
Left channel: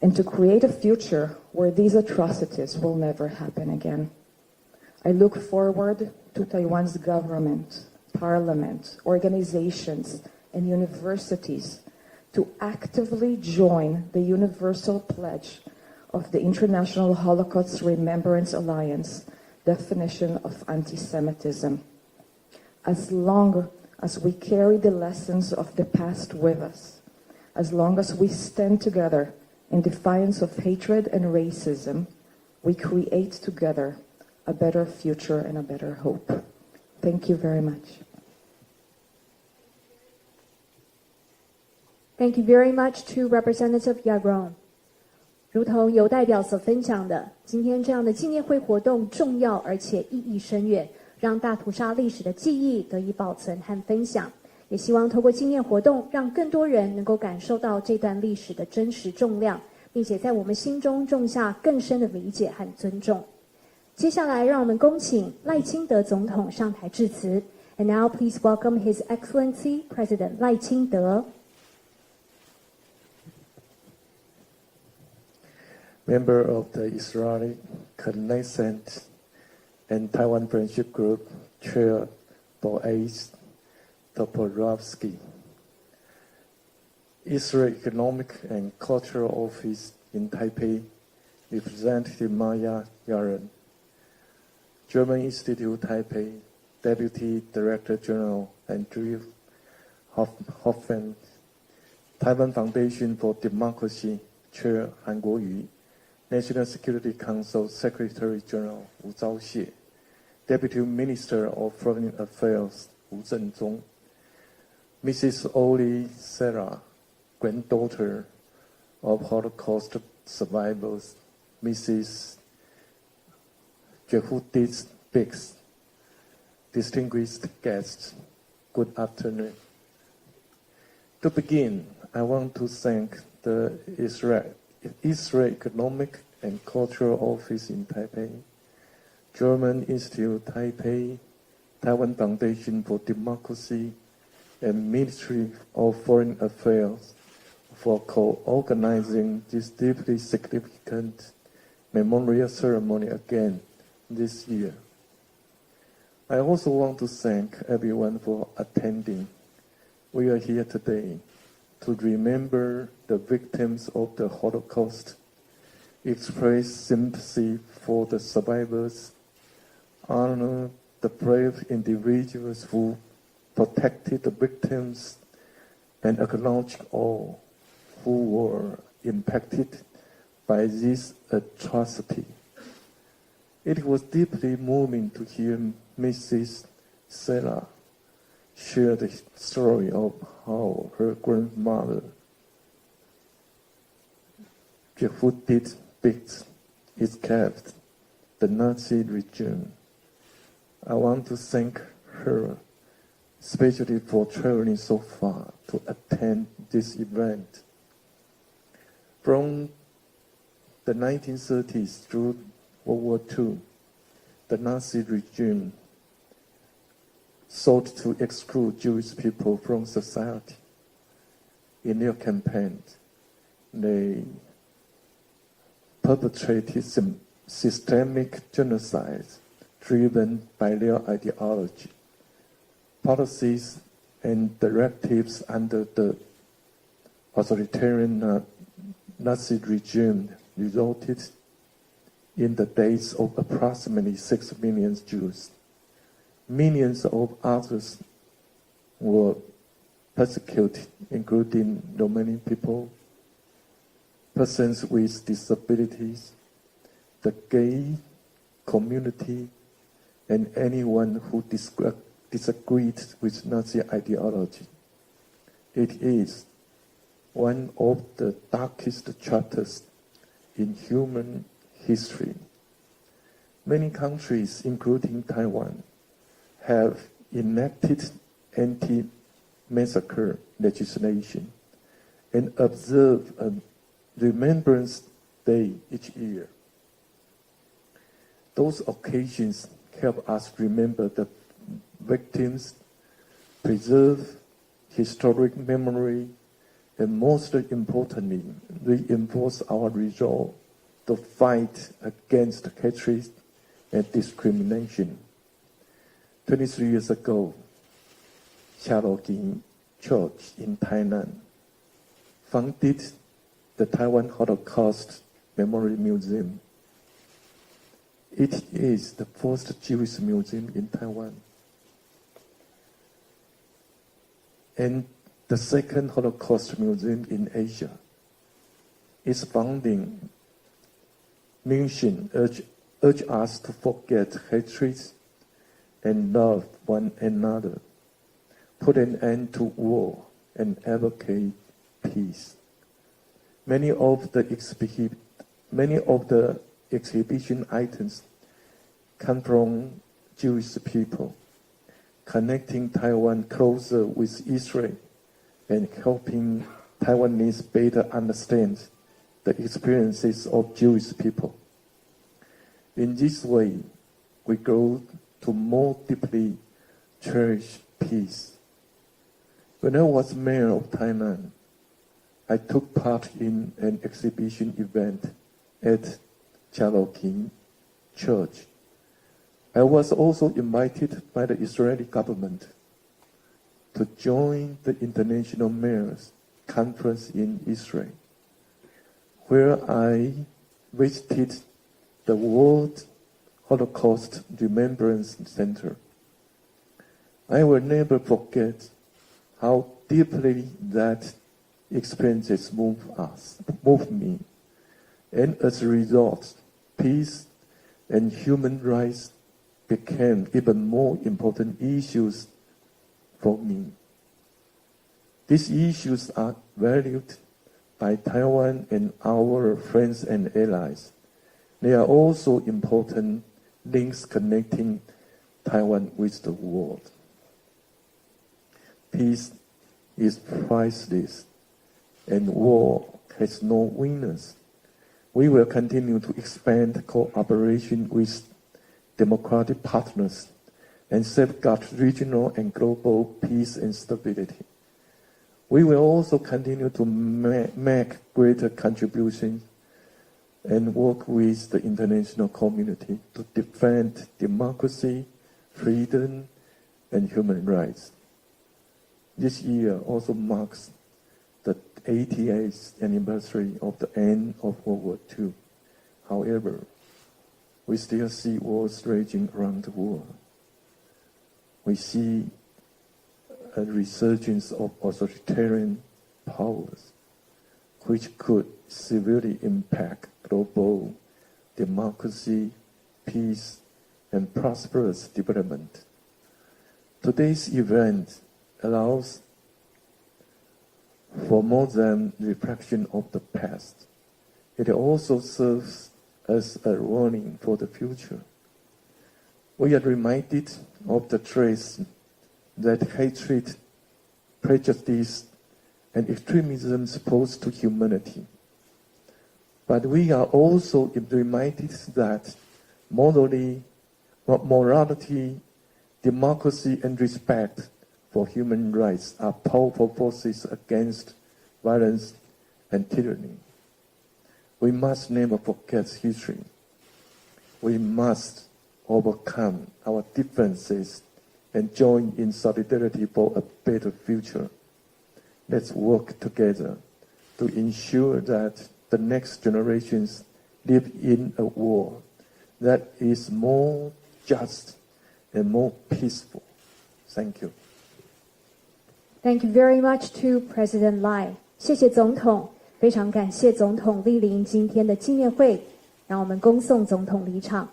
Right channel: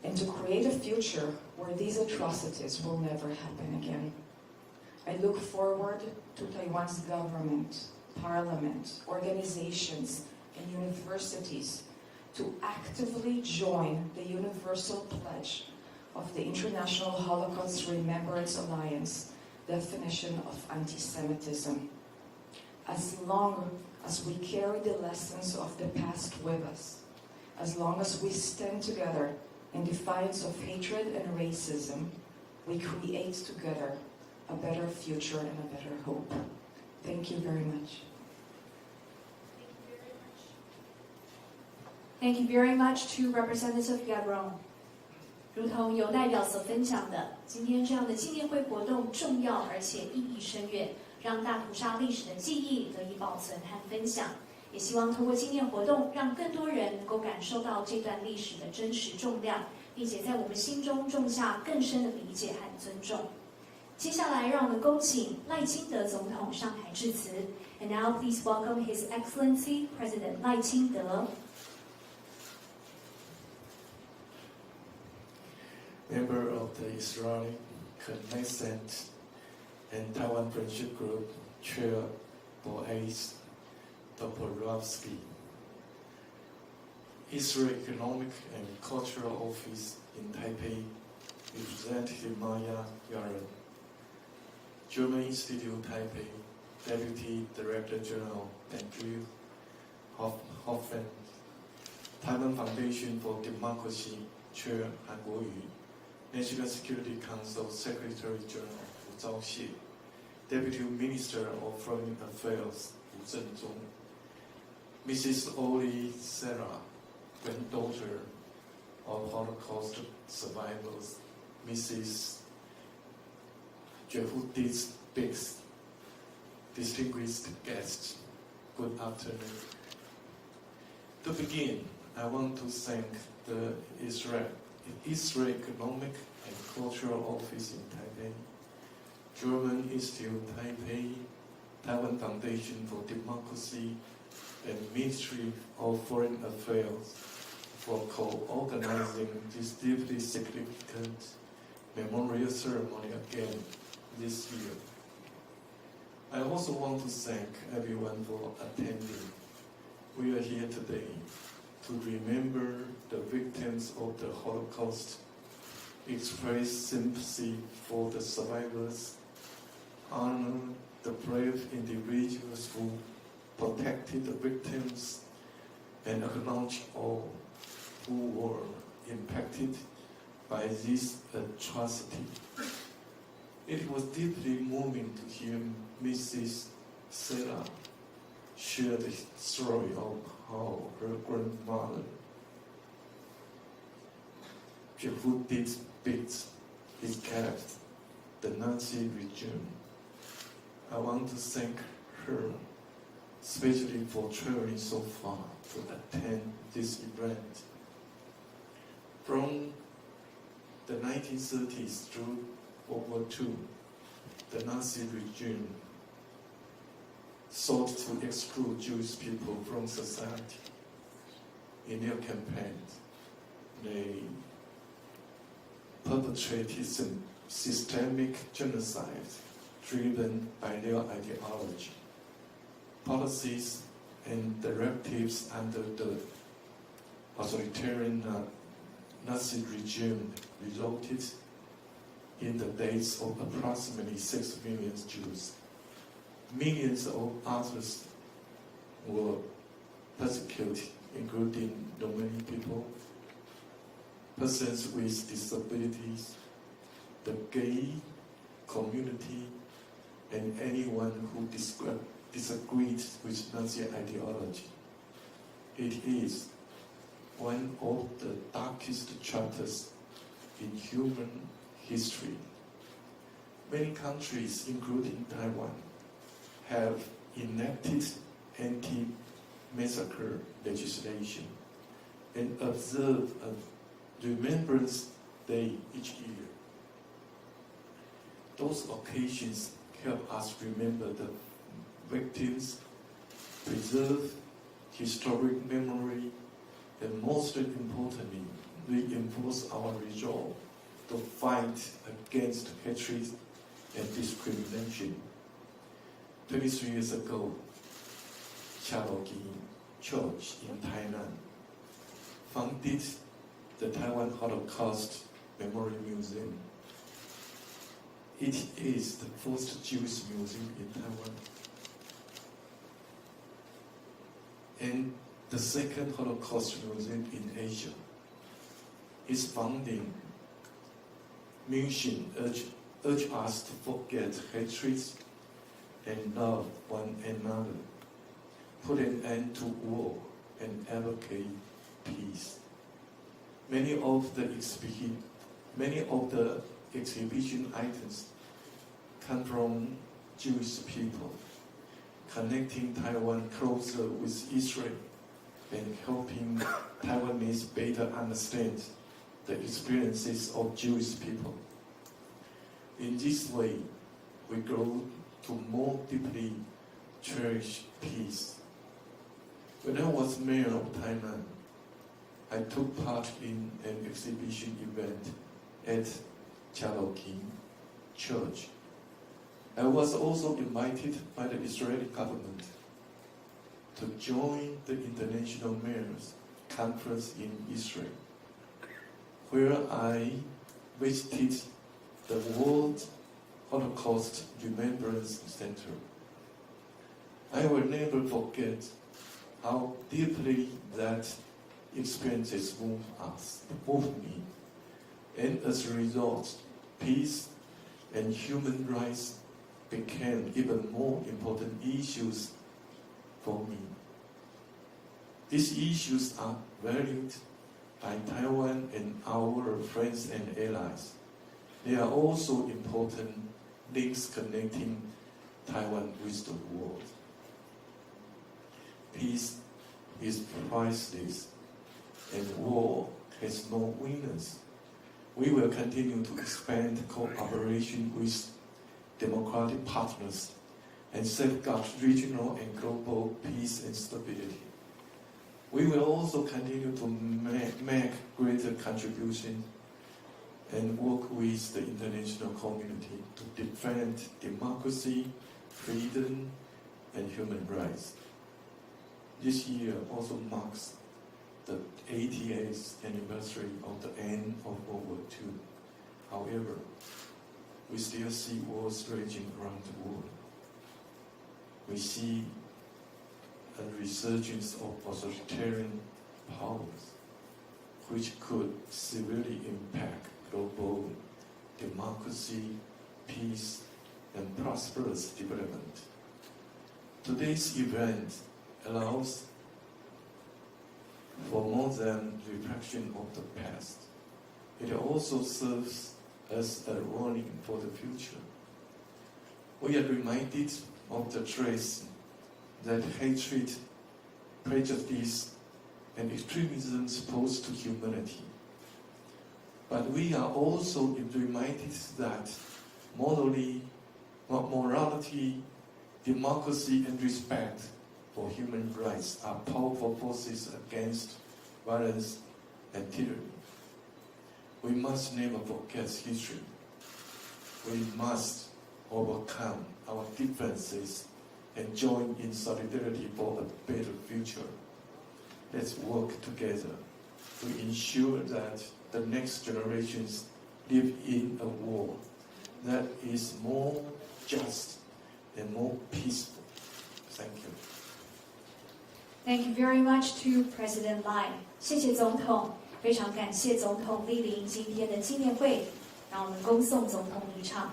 and to create a future where these atrocities will never happen again. I look forward to Taiwan's government, parliament, organizations, and universities to actively join the universal pledge of the International Holocaust Remembrance Alliance definition of anti-Semitism. As long as we carry the lessons of the past with us, as long as we stand together in defiance of hatred and racism, we create together a better future and a better hope. Thank you very much. Thank you very much to Representative Yagron. 如同有代表所分享的，今天这样的纪念会活动重要而且意义深远，让大屠杀历史的记忆得以保存和分享。也希望透过纪念活动，让更多人能够感受到这段历史的真实重量，并且在我们心中种下更深的理解和尊重。接下来，让我们恭请赖清德总统上台致辞。And now, please welcome His Excellency President 赖清德。Member of the Israeli Knesset and Taiwan Friendship Group, Chair Boaz Toporowski. Israel Economic and Cultural Office in Taipei, Representative Maya Yaren. German Institute Taipei, Deputy Director General Andrew Hoffman. Taiwan Foundation for Democracy, Chair Han Guoyu. National Security Council Secretary General Wu Zhaoxie, Deputy Minister of Foreign Affairs Wu Zhenzong, Mrs. Oli Sarah, granddaughter of Holocaust survivors, Mrs. Jehudit Biggs, distinguished guests, good afternoon. To begin, I want to thank the Israel Economic and Cultural Office in Taipei, German Institute Taipei, Taiwan Foundation for Democracy, and Ministry of Foreign Affairs for co-organizing this deeply significant memorial ceremony again this year. I also want to thank everyone for attending. We are here today to remember the victims of the Holocaust, express sympathy for the survivors, honor the brave individuals who protected the victims, and acknowledge all who were impacted by this atrocity. It was deeply moving to hear Mrs. Sarah share the story of how her grandmother, Jehudit Biggs, escaped the Nazi regime. I want to thank her, especially for traveling so far to attend this event. From the 1930s through World War II, the Nazi regime sought to exclude Jewish people from society. In their campaigns, they perpetrated systemic genocide driven by their ideology. Policies and directives under the authoritarian Nazi regime resulted in the deaths of approximately 6 million Jews. Millions of others were persecuted, including Romanian people, persons with disabilities, the gay community, and anyone who disagreed with Nazi ideology. It is one of the darkest chapters in human history. Many countries, including Taiwan, have enacted anti-massacre legislation and observe a Remembrance Day each year. Those occasions help us remember the victims, preserve historic memory, and most importantly, reinforce our resolve to fight against hatred and discrimination. 23 years ago, Xiaolong Church in Tainan founded the Taiwan Holocaust Memorial Museum. It is the first Jewish museum in Taiwan and the second Holocaust museum in Asia. Its founding mission urged us to forget hatred and love one another, put an end to war, and advocate peace. Many of the exhibition items come from Jewish people, connecting Taiwan closer with Israel and helping Taiwanese better understand the experiences of Jewish people. In this way, we grow to more deeply cherish peace. When I was mayor of Tainan, I took part in an exhibition event at Xiaolong Church. I was also invited by the Israeli government to join the International Mayors Conference in Israel, where I visited the World Holocaust Remembrance Center. I will never forget how deeply that experiences moved me, and as a result, peace and human rights became even more important issues for me. These issues are valued by Taiwan and our friends and allies. They are also important links connecting Taiwan with the world. Peace is priceless, and war has no winners. We will continue to expand cooperation with democratic partners and safeguard regional and global peace and stability. We will also continue to make greater contributions and work with the international community to defend democracy, freedom, and human rights. This year also marks the 88th anniversary of the end of World War II. However, we still see wars raging around the world. We see a resurgence of authoritarian powers, which could severely impact global democracy, peace, and prosperous development. Today's event allows for more than reflection of the past. It also serves as a warning for the future. We are reminded of the threats that hatred, prejudice, and extremism pose to humanity. But we are also reminded that morality democracy and respect for human rights are powerful forces against violence and tyranny. We must never forget history. We must overcome our differences and join in solidarity for a better future. Let's work together to ensure that the next generations live in a world that is more just and more peaceful. Thank you. Thank you very much to President Lai. 谢谢总统，非常感谢总统莅临今天的纪念会，让我们恭送总统离场。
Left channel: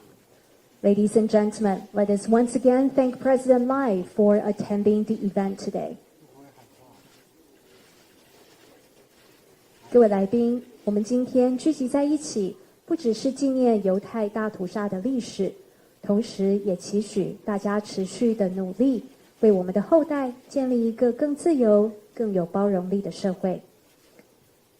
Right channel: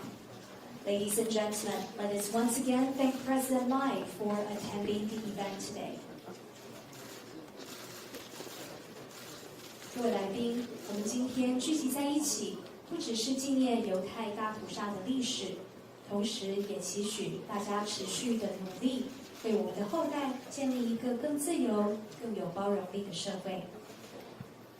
Ladies and gentlemen, let us once again thank President Lai for attending the event today. 各位来宾，我们今天聚集在一起，不只是纪念犹太大屠杀的历史，同时也期许大家持续的努力，为我们的后代建立一个更自由、更有包容力的社会。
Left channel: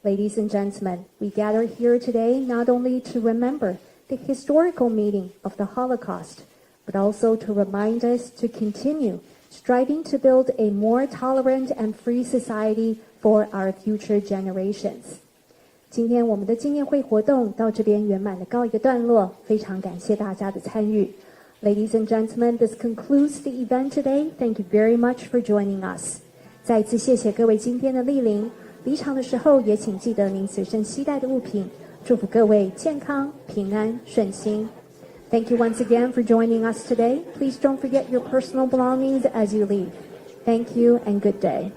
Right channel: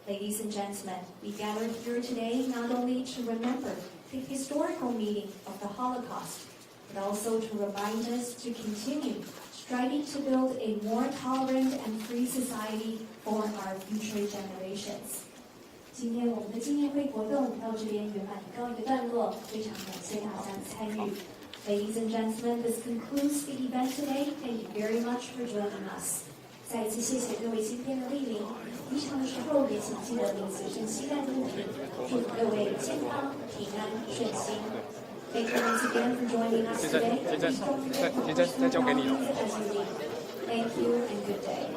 Ladies and gentlemen, we gather here today not only to remember the historical meaning of the Holocaust, but also to remind us to continue striving to build a more tolerant and free society for our future generations. 今天我们的纪念会活动到这边圆满的告一个段落，非常感谢大家的参与。Ladies and gentlemen, this concludes the event today. Thank you very much for joining us. 再一次谢谢各位今天的莅临。离场的时候也请记得您随身携带的物品。祝福各位健康、平安、顺心。Thank you once again for joining us today. Please don't forget your personal belongings as you leave. Thank you and good day.